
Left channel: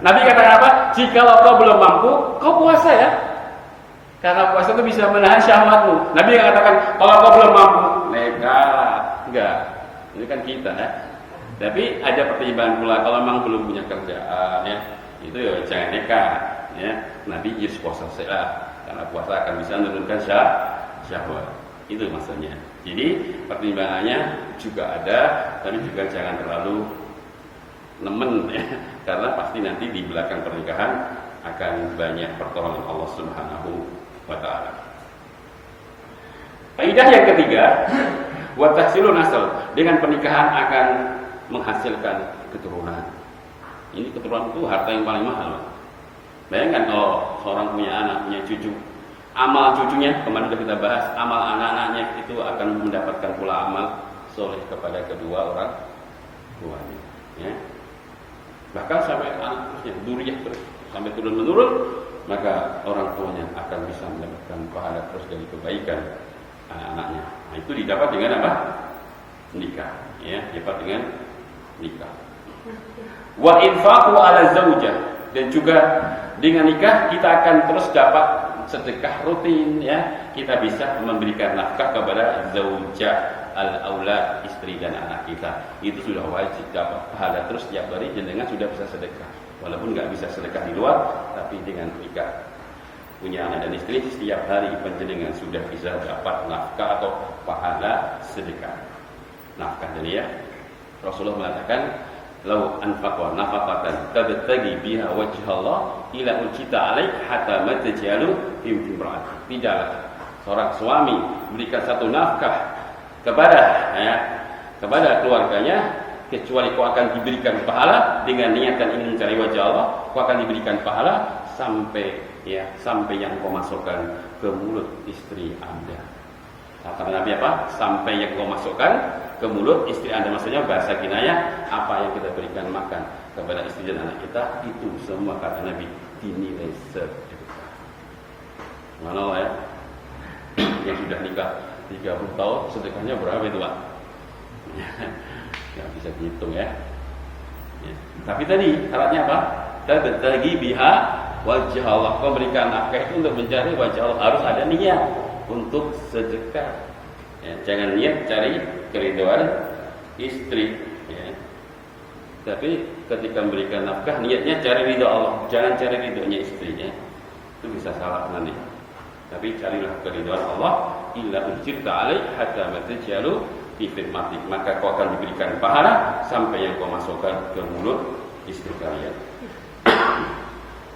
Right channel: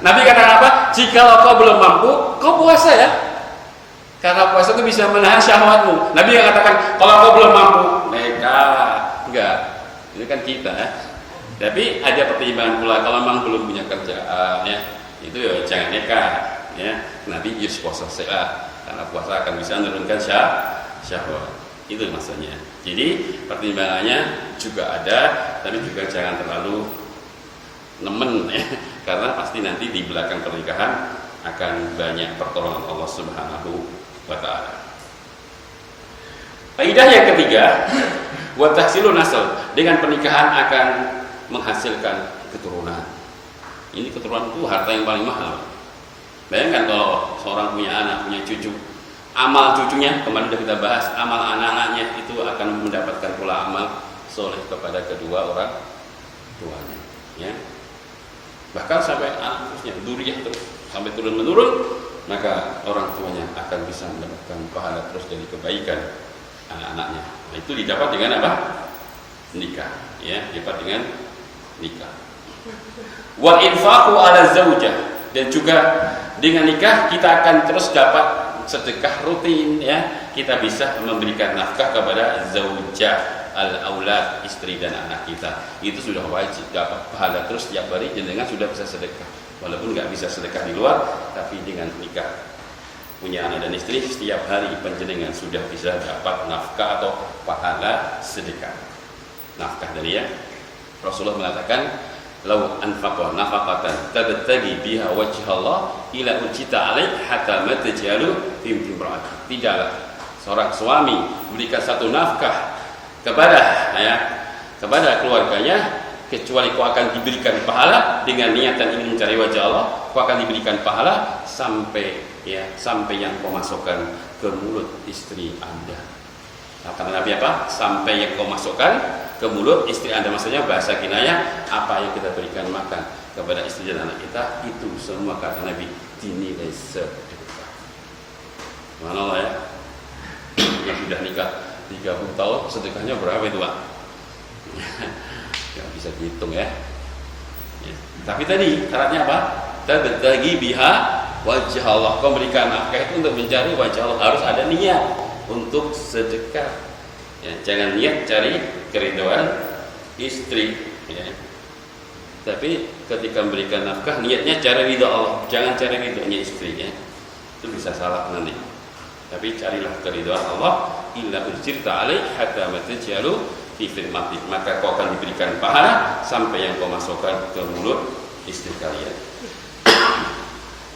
Nabi katakan apa? Jikalau kau belum mampu, kau puasa ya. Karena puasa itu bisa menahan syahwatmu. Nabi katakan, kalau kau belum mampu, nekat. Enggak. Ini kan kita ya. Tapi ada pertimbangan pula kalau memang belum punya kerjaan ya. Itu ya jangan nekat ya. Nabi puasa sehat. Karena puasa akan bisa menurunkan syahwat. Itu maksudnya. Jadi pertimbangannya juga ada, tapi juga jangan terlalu nemen ya. Karena pasti nanti di belakang pernikahan akan banyak pertolongan Allah Subhanahu wa Ta'ala. Faidah yang ketiga, wa tahsilun nasl, dengan pernikahan akan menghasilkan keturunan. Ini keturunan itu harta yang paling mahal. Bayangkan kalau seorang punya anak, punya cucu, amal cucunya kemarin sudah kita bahas, amal anak-anaknya itu akan mendapatkan pula amal soleh kepada kedua orang tuanya ya. Bahkan sampai anak terusnya, duriyah terus sampai turun menurun, maka orang tuanya akan bisa mendapatkan pahala terus dari kebaikan anak-anaknya. Nah, itu didapat dengan apa? Nikah, ya, dapat dengan nikah. Wa infaqu ala zaujah, dan juga dengan nikah kita akan terus dapat sedekah rutin, ya. Kita bisa memberikan nafkah kepada zaujah, istri dan anak kita. Itu sudah wajib dapat pahala terus setiap hari, jenengan sudah bisa sedekah. Walaupun nggak bisa sedekah di luar, tapi dengan nikah punya anak dan istri, setiap hari panjenengan sudah bisa dapat nafkah atau pahala sedekah. Nafkah dari ya. Rasulullah mengatakan, "Lau anfaqa nafaqatan tabtagi biha wajhallah ila ucita alaik hatta ma taj'alu fi imra'at." Tidaklah seorang suami berikan satu nafkah kepada keluarganya kecuali kau akan diberikan pahala dengan niatan ingin mencari wajah Allah, kau akan diberikan pahala sampai yang kau masukkan ke mulut istri Anda. Kata Nabi apa? Sampai yang kau masukkan ke mulut istri Anda. Maksudnya bahasa kinayah, apa yang kita berikan makan kepada istri dan anak kita, itu semua kata Nabi dinilai sedekah. Mana ya? Yang sudah nikah 30 tahun sedekahnya berapa itu, Pak? Nggak bisa dihitung ya. Tapi tadi syaratnya apa? Tabtagi biha wajah Allah. Memberikan nafkah itu untuk mencari wajah Allah, harus ada niat untuk sedekah. Ya, jangan niat cari keridhaan istri. Ya. Tapi ketika memberikan nafkah, niatnya cari ridha Allah, jangan cari ridhonya istrinya. Itu bisa salah nanti. Tapi carilah keridhaan Allah. Illa ujirta alaih hatta matajalu fi firmatik, maka kau akan diberikan pahala sampai yang kau masukkan ke mulut istri kalian.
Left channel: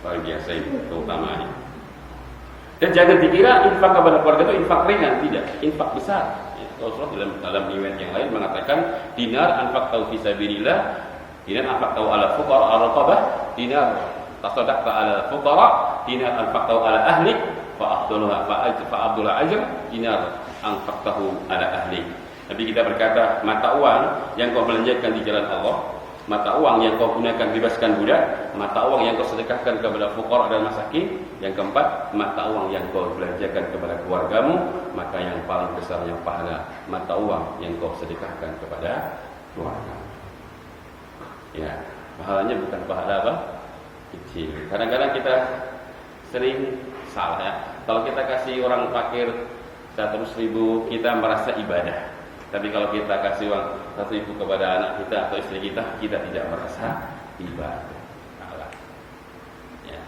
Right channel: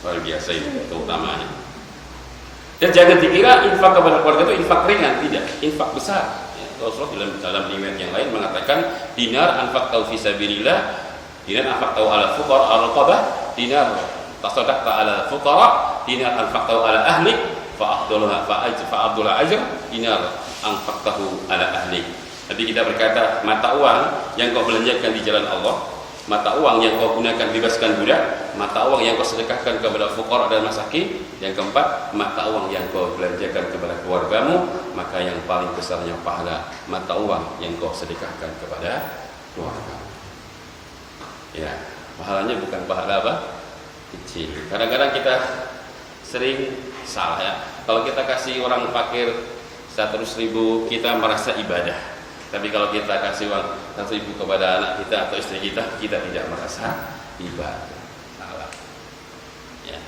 Luar biasa ini keutamaannya. Dan jangan dikira infak kepada keluarga itu infak ringan, tidak, infak besar. Rasulullah dalam riwayat yang lain mengatakan, dinar anfaqtau fi sabilillah, dinar anfaqtau ala fuqara al-raqabah, dinar tasaddaqta ala fuqara, dinar anfaqtau ala ahlik fa afdalul ajr, dinar anfaqtahu ala ahlik. Tapi kita berkata, mata uang yang kau belanjakan di jalan Allah, mata uang yang kau gunakan bebaskan budak, mata uang yang kau sedekahkan kepada fuqara dan masakin, yang keempat, mata uang yang kau belanjakan kepada keluargamu, maka yang paling besarnya pahala mata uang yang kau sedekahkan kepada keluargamu. Ya, pahalanya bukan pahala apa? Kecil. Kadang-kadang kita sering salah ya. Kalau kita kasih orang fakir 100.000, kita merasa ibadah. Tapi kalau kita kasih uang 1.000 kepada anak kita atau istri kita, kita tidak merasa ibadah. Salah. Ya.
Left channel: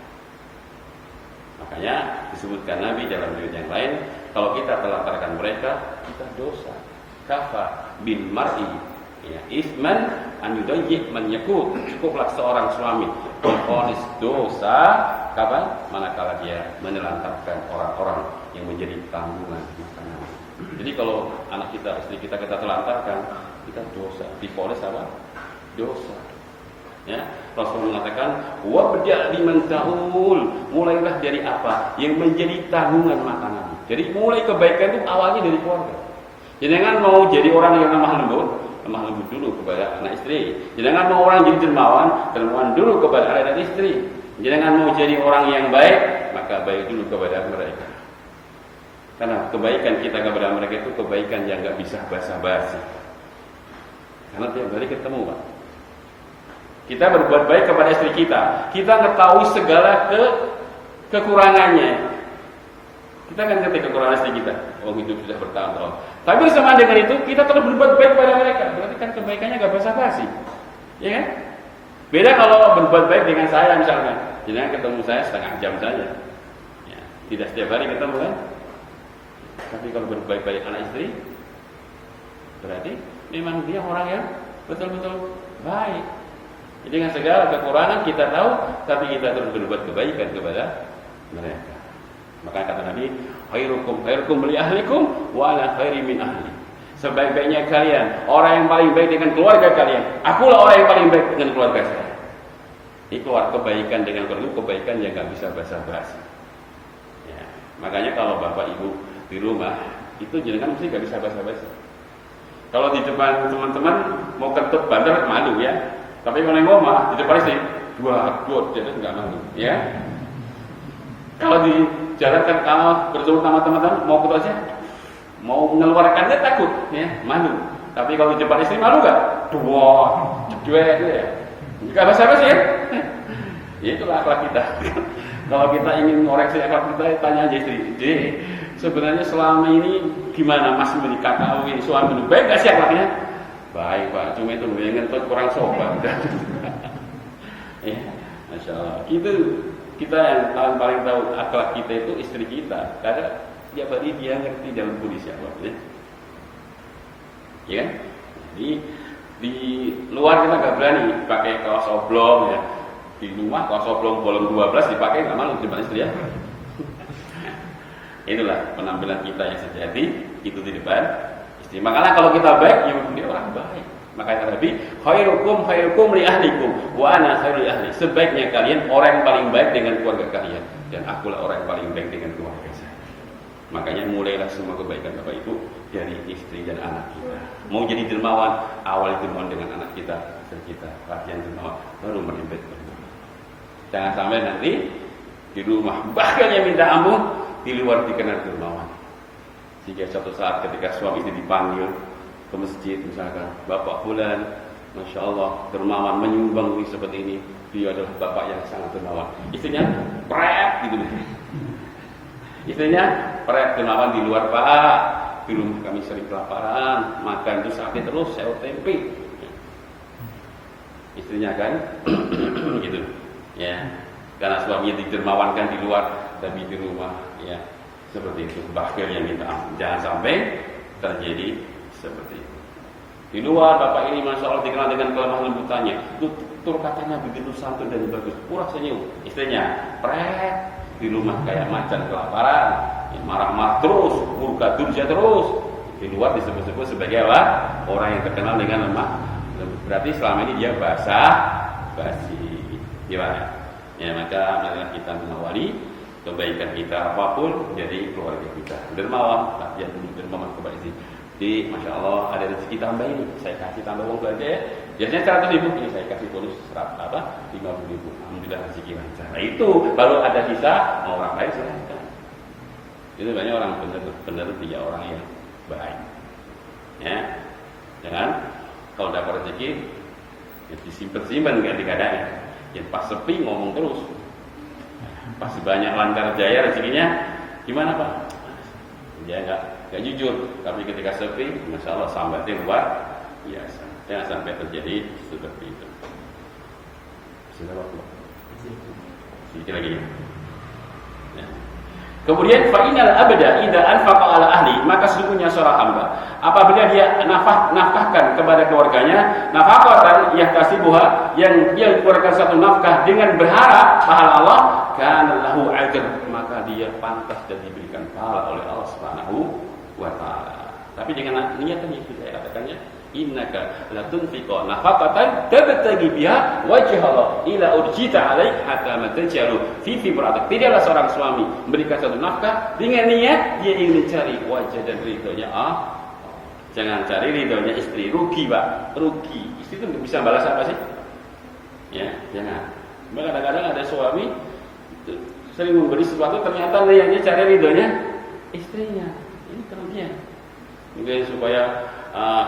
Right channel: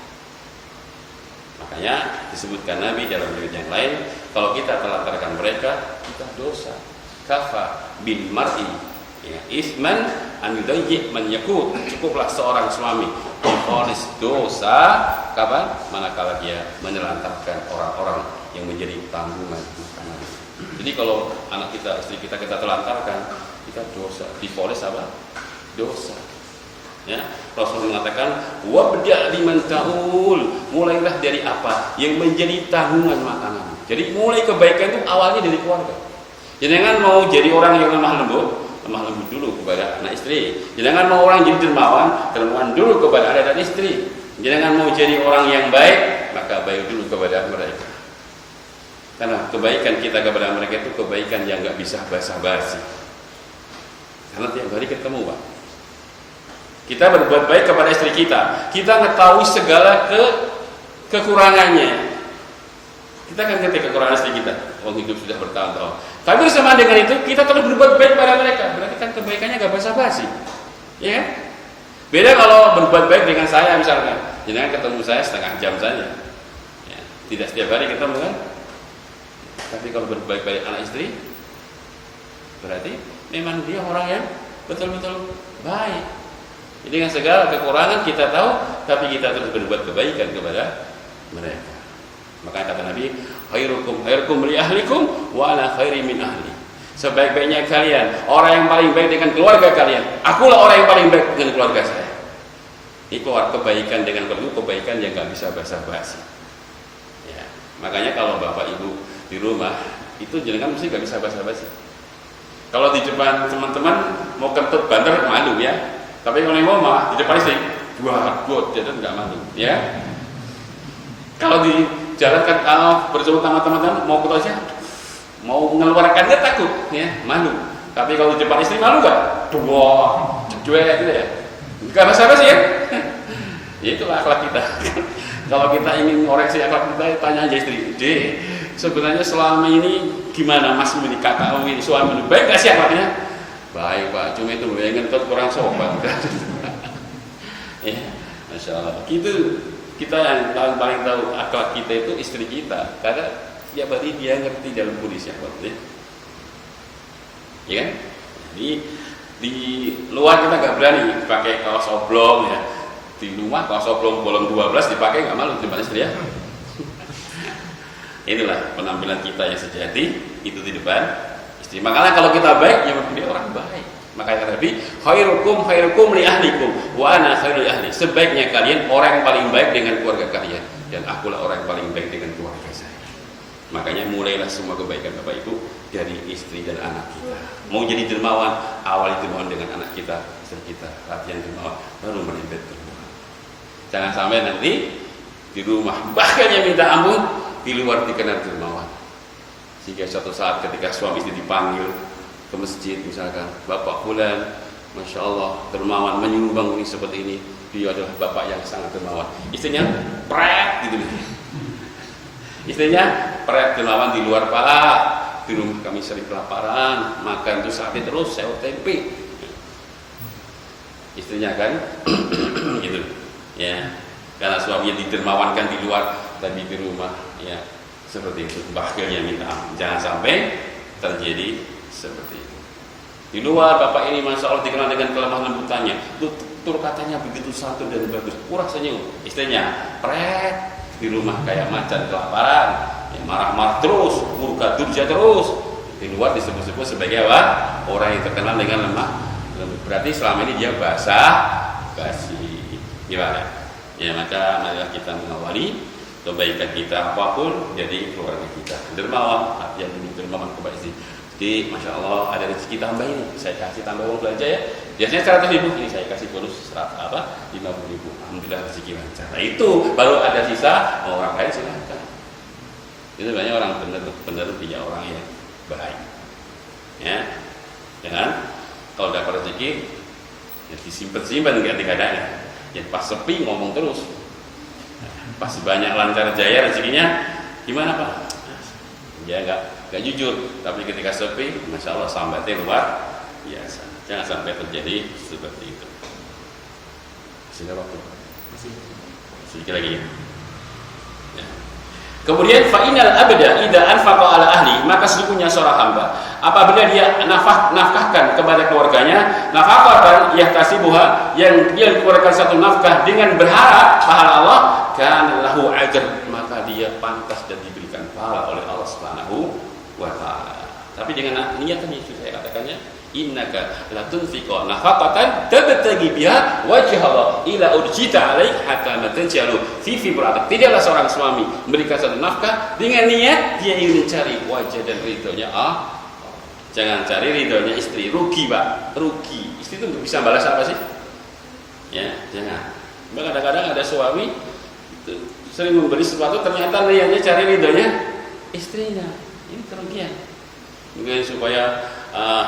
Makanya disebutkan Nabi dalam riwayat yang lain, kalau kita telantarkan mereka, kita dosa. Kafa bil mar'i ya isman an yudayyi man yakut. Cukuplah seorang suami memvonis dosa kapan? Manakala dia menelantarkan orang-orang yang menjadi tanggungan makanan. Jadi kalau anak kita, istri kita telantarkan, kita dosa. Divonis apa? Dosa. Ya, Rasul mengatakan, wabda' liman ta'ul, mulailah dari apa yang menjadi tanggungan makanan. Jadi mulai kebaikan itu awalnya dari keluarga. Jangan mau jadi orang yang lemah lembut dulu kepada anak istri. Jangan mau orang jadi dermawan dulu kepada anak dan istri. Jangan mau jadi orang yang baik, maka baik dulu kepada mereka. Karena kebaikan kita kepada mereka itu kebaikan yang nggak bisa basa-basi. Karena tiap hari ketemu, Pak. Kita berbuat baik kepada istri kita. Kita mengetahui segala kekurangannya. Kita akan ngerti kekurangan istri kita. Orang hidup sudah bertahun-tahun. Tapi bersama dengan itu kita terus berbuat baik kepada mereka. Berarti kan kebaikannya nggak basa-basi, ya kan? Beda kalau berbuat baik dengan saya misalnya. Jangan ketemu saya setengah jam saja. Ya, tidak setiap hari ketemu kan? Tapi kalau berbaik pada anak istri, berarti memang dia orang yang betul-betul baik. Jadi dengan segala kekurangan kita tahu, tapi kita terus berbuat kebaikan kepada mereka. Makanya kata Nabi, khairukum li ahlikum wa ana khairi min ahli. Sebaik-baiknya kalian, orang yang paling baik dengan keluarga kalian. Akulah orang yang paling baik dengan keluarga saya. Ini keluar kebaikan dengan perlu kebaikan yang nggak bisa basa-basi. Ya, makanya kalau bapak ibu di rumah itu jenengan mesti gak bisa basa-basi. Kalau di depan teman-teman mau kentut banter malu ya. Tapi kalau yang rumah di depan istri dua jadi nggak malu ya. Kalau di jalan kan kalau berjumpa sama teman-teman mau ketemu aja, mau mengeluarkannya takut ya, malu. Tapi kalau di depan istri malu nggak? Cuek gitu ya. Nggak basa-basi ya. Ya itulah akhlak kita. Kalau kita ingin ngoreksi akhlak kita, tanya aja istri, sebenarnya selama ini gimana Mas ketahui suami baik gak sih akhlaknya? Baik Pak, cuma itu yang ngentut kurang sopan. Ya, Masya Allah. Kita yang paling tahu akhlak kita itu istri kita, karena setiap hari dia ngerti dalam kondisi apa, ya kan? Di luar kita nggak berani pakai kaos oblong ya. Di rumah kaos oblong bolong 12 dipakai nggak malu terima istri ya. Itulah penampilan kita yang sejati itu di depan istri. Makanya kalau kita baik, ya dia orang baik. Makanya Nabi, khairukum li ahlikum wa ana khairul ahli. Sebaiknya kalian orang yang paling baik dengan keluarga kalian, dan akulah orang yang paling baik dengan keluarga saya. Makanya mulailah semua kebaikan Bapak Ibu dari istri dan anak kita. Mau jadi dermawan, awali dermawan dengan anak kita, istri kita, latihan dermawan, baru menempel dermawan. Jangan sampai nanti di rumah bahkan yang minta ampun, di luar dikenal dermawan. Sehingga suatu saat ketika suami istri dipanggil ke masjid misalkan, Bapak Fulan, Masya Allah dermawan menyumbang ini seperti ini, dia adalah bapak yang sangat dermawan. Istrinya pret gitu. Istrinya pret dermawan di luar, Pak, di rumah kami sering kelaparan, makan itu sate terus, sayur tempe. Istrinya kan gitu ya, karena suaminya didermawankan di luar dan di rumah ya seperti itu. Bakhilnya minta ampun, jangan sampai terjadi seperti itu. Di luar bapak ini Masya Allah dikenal dengan kelemah lembutannya, tutur katanya begitu santun dan bagus, pura senyum. Istrinya pret, di rumah kayak macan kelaparan, ya, marah-marah terus, murka durja terus. Di luar disebut-sebut sebagai apa? Orang yang terkenal dengan lemah lembut. Berarti selama ini dia basa-basi. Gimana? Ya maka marilah kita mengawali kebaikan kita apapun jadi keluarga kita. Dermawan, yang dulu dermawan kepada istri. Jadi Masya Allah ada rezeki tambah ini, saya kasih tambah uang belanja ya. Biasanya 100.000, ini saya kasih bonus 50.000. Alhamdulillah rezeki lancar. Nah itu baru ada sisa, orang lain silakan. Itu banyak orang benar dia orang yang baik. Ya, jangan kalau dapat rezeki ya disimpan nggak dikadang. Ya pas sepi ngomong terus. Pas banyak lancar jaya rezekinya gimana Pak? Ya nggak jujur, tapi ketika sepi, Masya Allah sambatnya luar biasa. Jangan sampai terjadi seperti itu. Sudah waktu. Sedikit lagi ya. Kemudian fa'inal abda idza anfaqa ala ahli, maka sesungguhnya seorang hamba apabila dia nafkahkan kepada keluarganya, nafaqatan yahtasibuha, yang dia keluarkan satu nafkah dengan berharap pahala Allah, kana lahu ajr, maka dia pantas dan diberikan pahala oleh Allah Subhanahu wa taala. Tapi dengan niatan yang saya katakannya, innaka la tunfiqu nafaqatan tabtagi biha wajh Allah ila urjita alaik hatta matanjalu fi fibratik. Tidaklah seorang suami memberikan satu nafkah dengan niat dia ingin mencari wajah dan ridhonya Allah. Jangan cari ridhonya istri, rugi Pak, rugi. Istri itu bisa balas apa sih? Ya, jangan. Kadang-kadang ada suami sering memberi sesuatu ternyata niatnya cari ridhonya istrinya. Ini kerugian. Mungkin supaya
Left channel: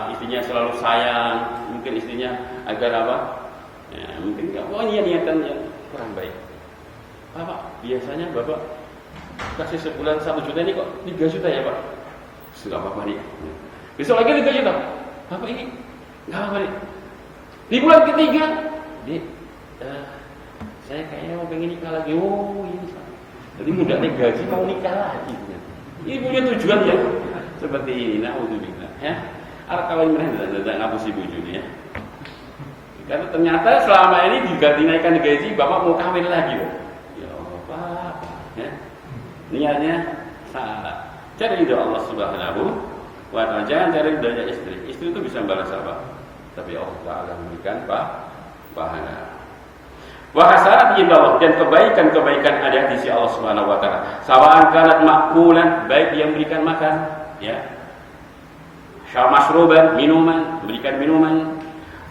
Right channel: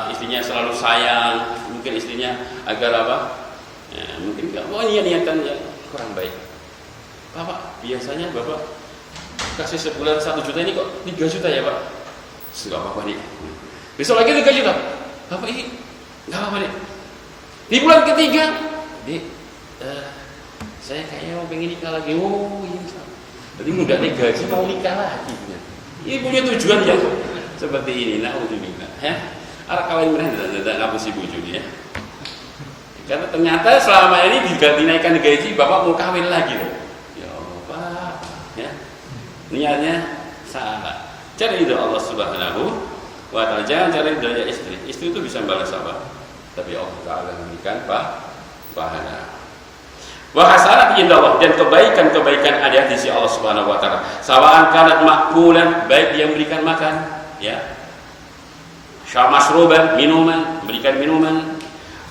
istrinya selalu sayang, mungkin istrinya agar apa? Ya, mungkin nggak. Oh iya niatannya kurang baik. Bapak biasanya bapak kasih sebulan 1 juta, ini kok 3 juta ya Pak? Nggak apa-apa nih. Besok lagi 3 juta. Bapak ini nggak apa-apa nih. Di bulan ketiga, saya kayaknya mau pengen nikah lagi. Oh ini salah. Jadi nggak negatif mau nikah lagi. Ini punya tujuan ya seperti ini. Naudzubillah. Ya. Kalian tidak ngapusi bujuni ya. Karena ternyata selama ini dinaikkan gaji, bapak mau kawin lagi. Ya Allah Pak, ya. Niatnya salah. Cari ridho Allah Subhanahu wa taala. Jangan cari ridhonya istri. Istri itu bisa membalas apa? Tapi Allah Taala memberikan pahala. Wa hasanat indallah, dan kebaikan-kebaikan ada di sisi Allah Subhanahu wa taala. Sawa'an kanat ma'kulan, baik dia memberikan makan, ya. Masruban, minuman, memberikan minuman,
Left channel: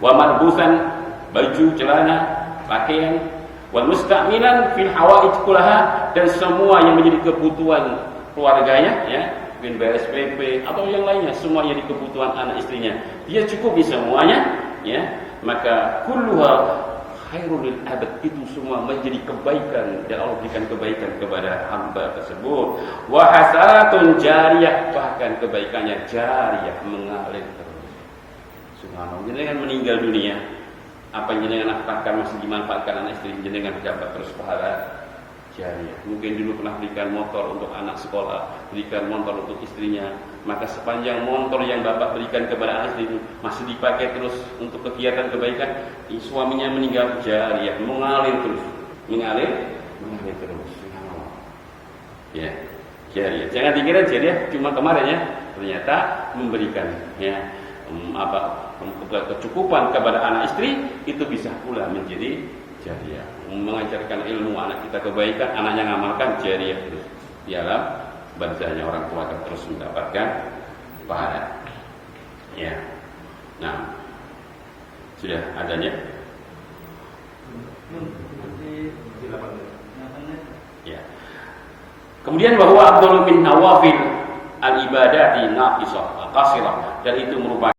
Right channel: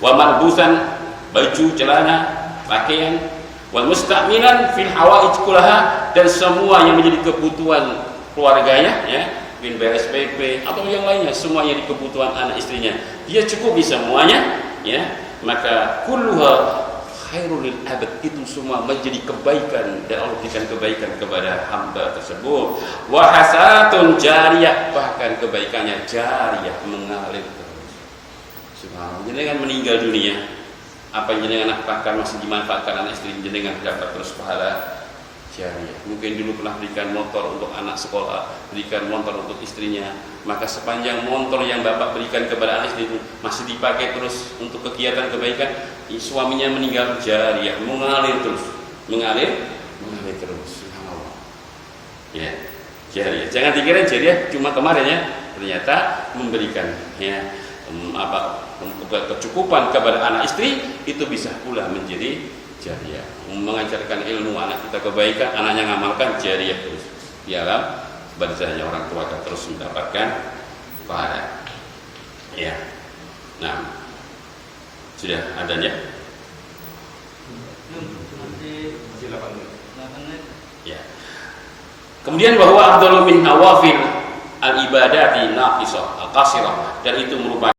wa malbusan, baju, celana, pakaian, wal musta'milan fil hawaij kullaha, dan semua yang menjadi kebutuhan keluarganya ya, mungkin BSPP atau yang lainnya, semua yang jadi kebutuhan anak istrinya dia cukupi semuanya ya, maka kulluha khairul lil abad, itu semua menjadi kebaikan dan Allah berikan kebaikan kepada hamba tersebut. Wa hasanatun jariyah, bahkan kebaikannya jariyah, mengalir terus. Subhanallah. Jadi kan meninggal dunia apa yang jenengan nafkahkan masih dimanfaatkan anak istri jenengan dapat terus pahala jariah. Mungkin dulu pernah berikan motor untuk anak sekolah, berikan motor untuk istrinya, maka sepanjang motor yang bapak berikan kepada anak istri itu masih dipakai terus untuk kegiatan kebaikan, suaminya meninggal, jariah, mengalir terus, mengalir terus. Ya, jariah. Jangan dikira jariah cuma kemarin ya, ternyata memberikan ya kecukupan kepada anak istri itu bisa pula menjadi jariah. Mengajarkan ilmu anak kita kebaikan, anaknya ngamalkan, jariah terus di alam barzahnya, orang tua akan terus mendapatkan pahala. Ya. Nah, sudah adanya. Ya. Kemudian bahwa afdalu min nawafil al ibadati naqisah al qasirah, dan itu merupakan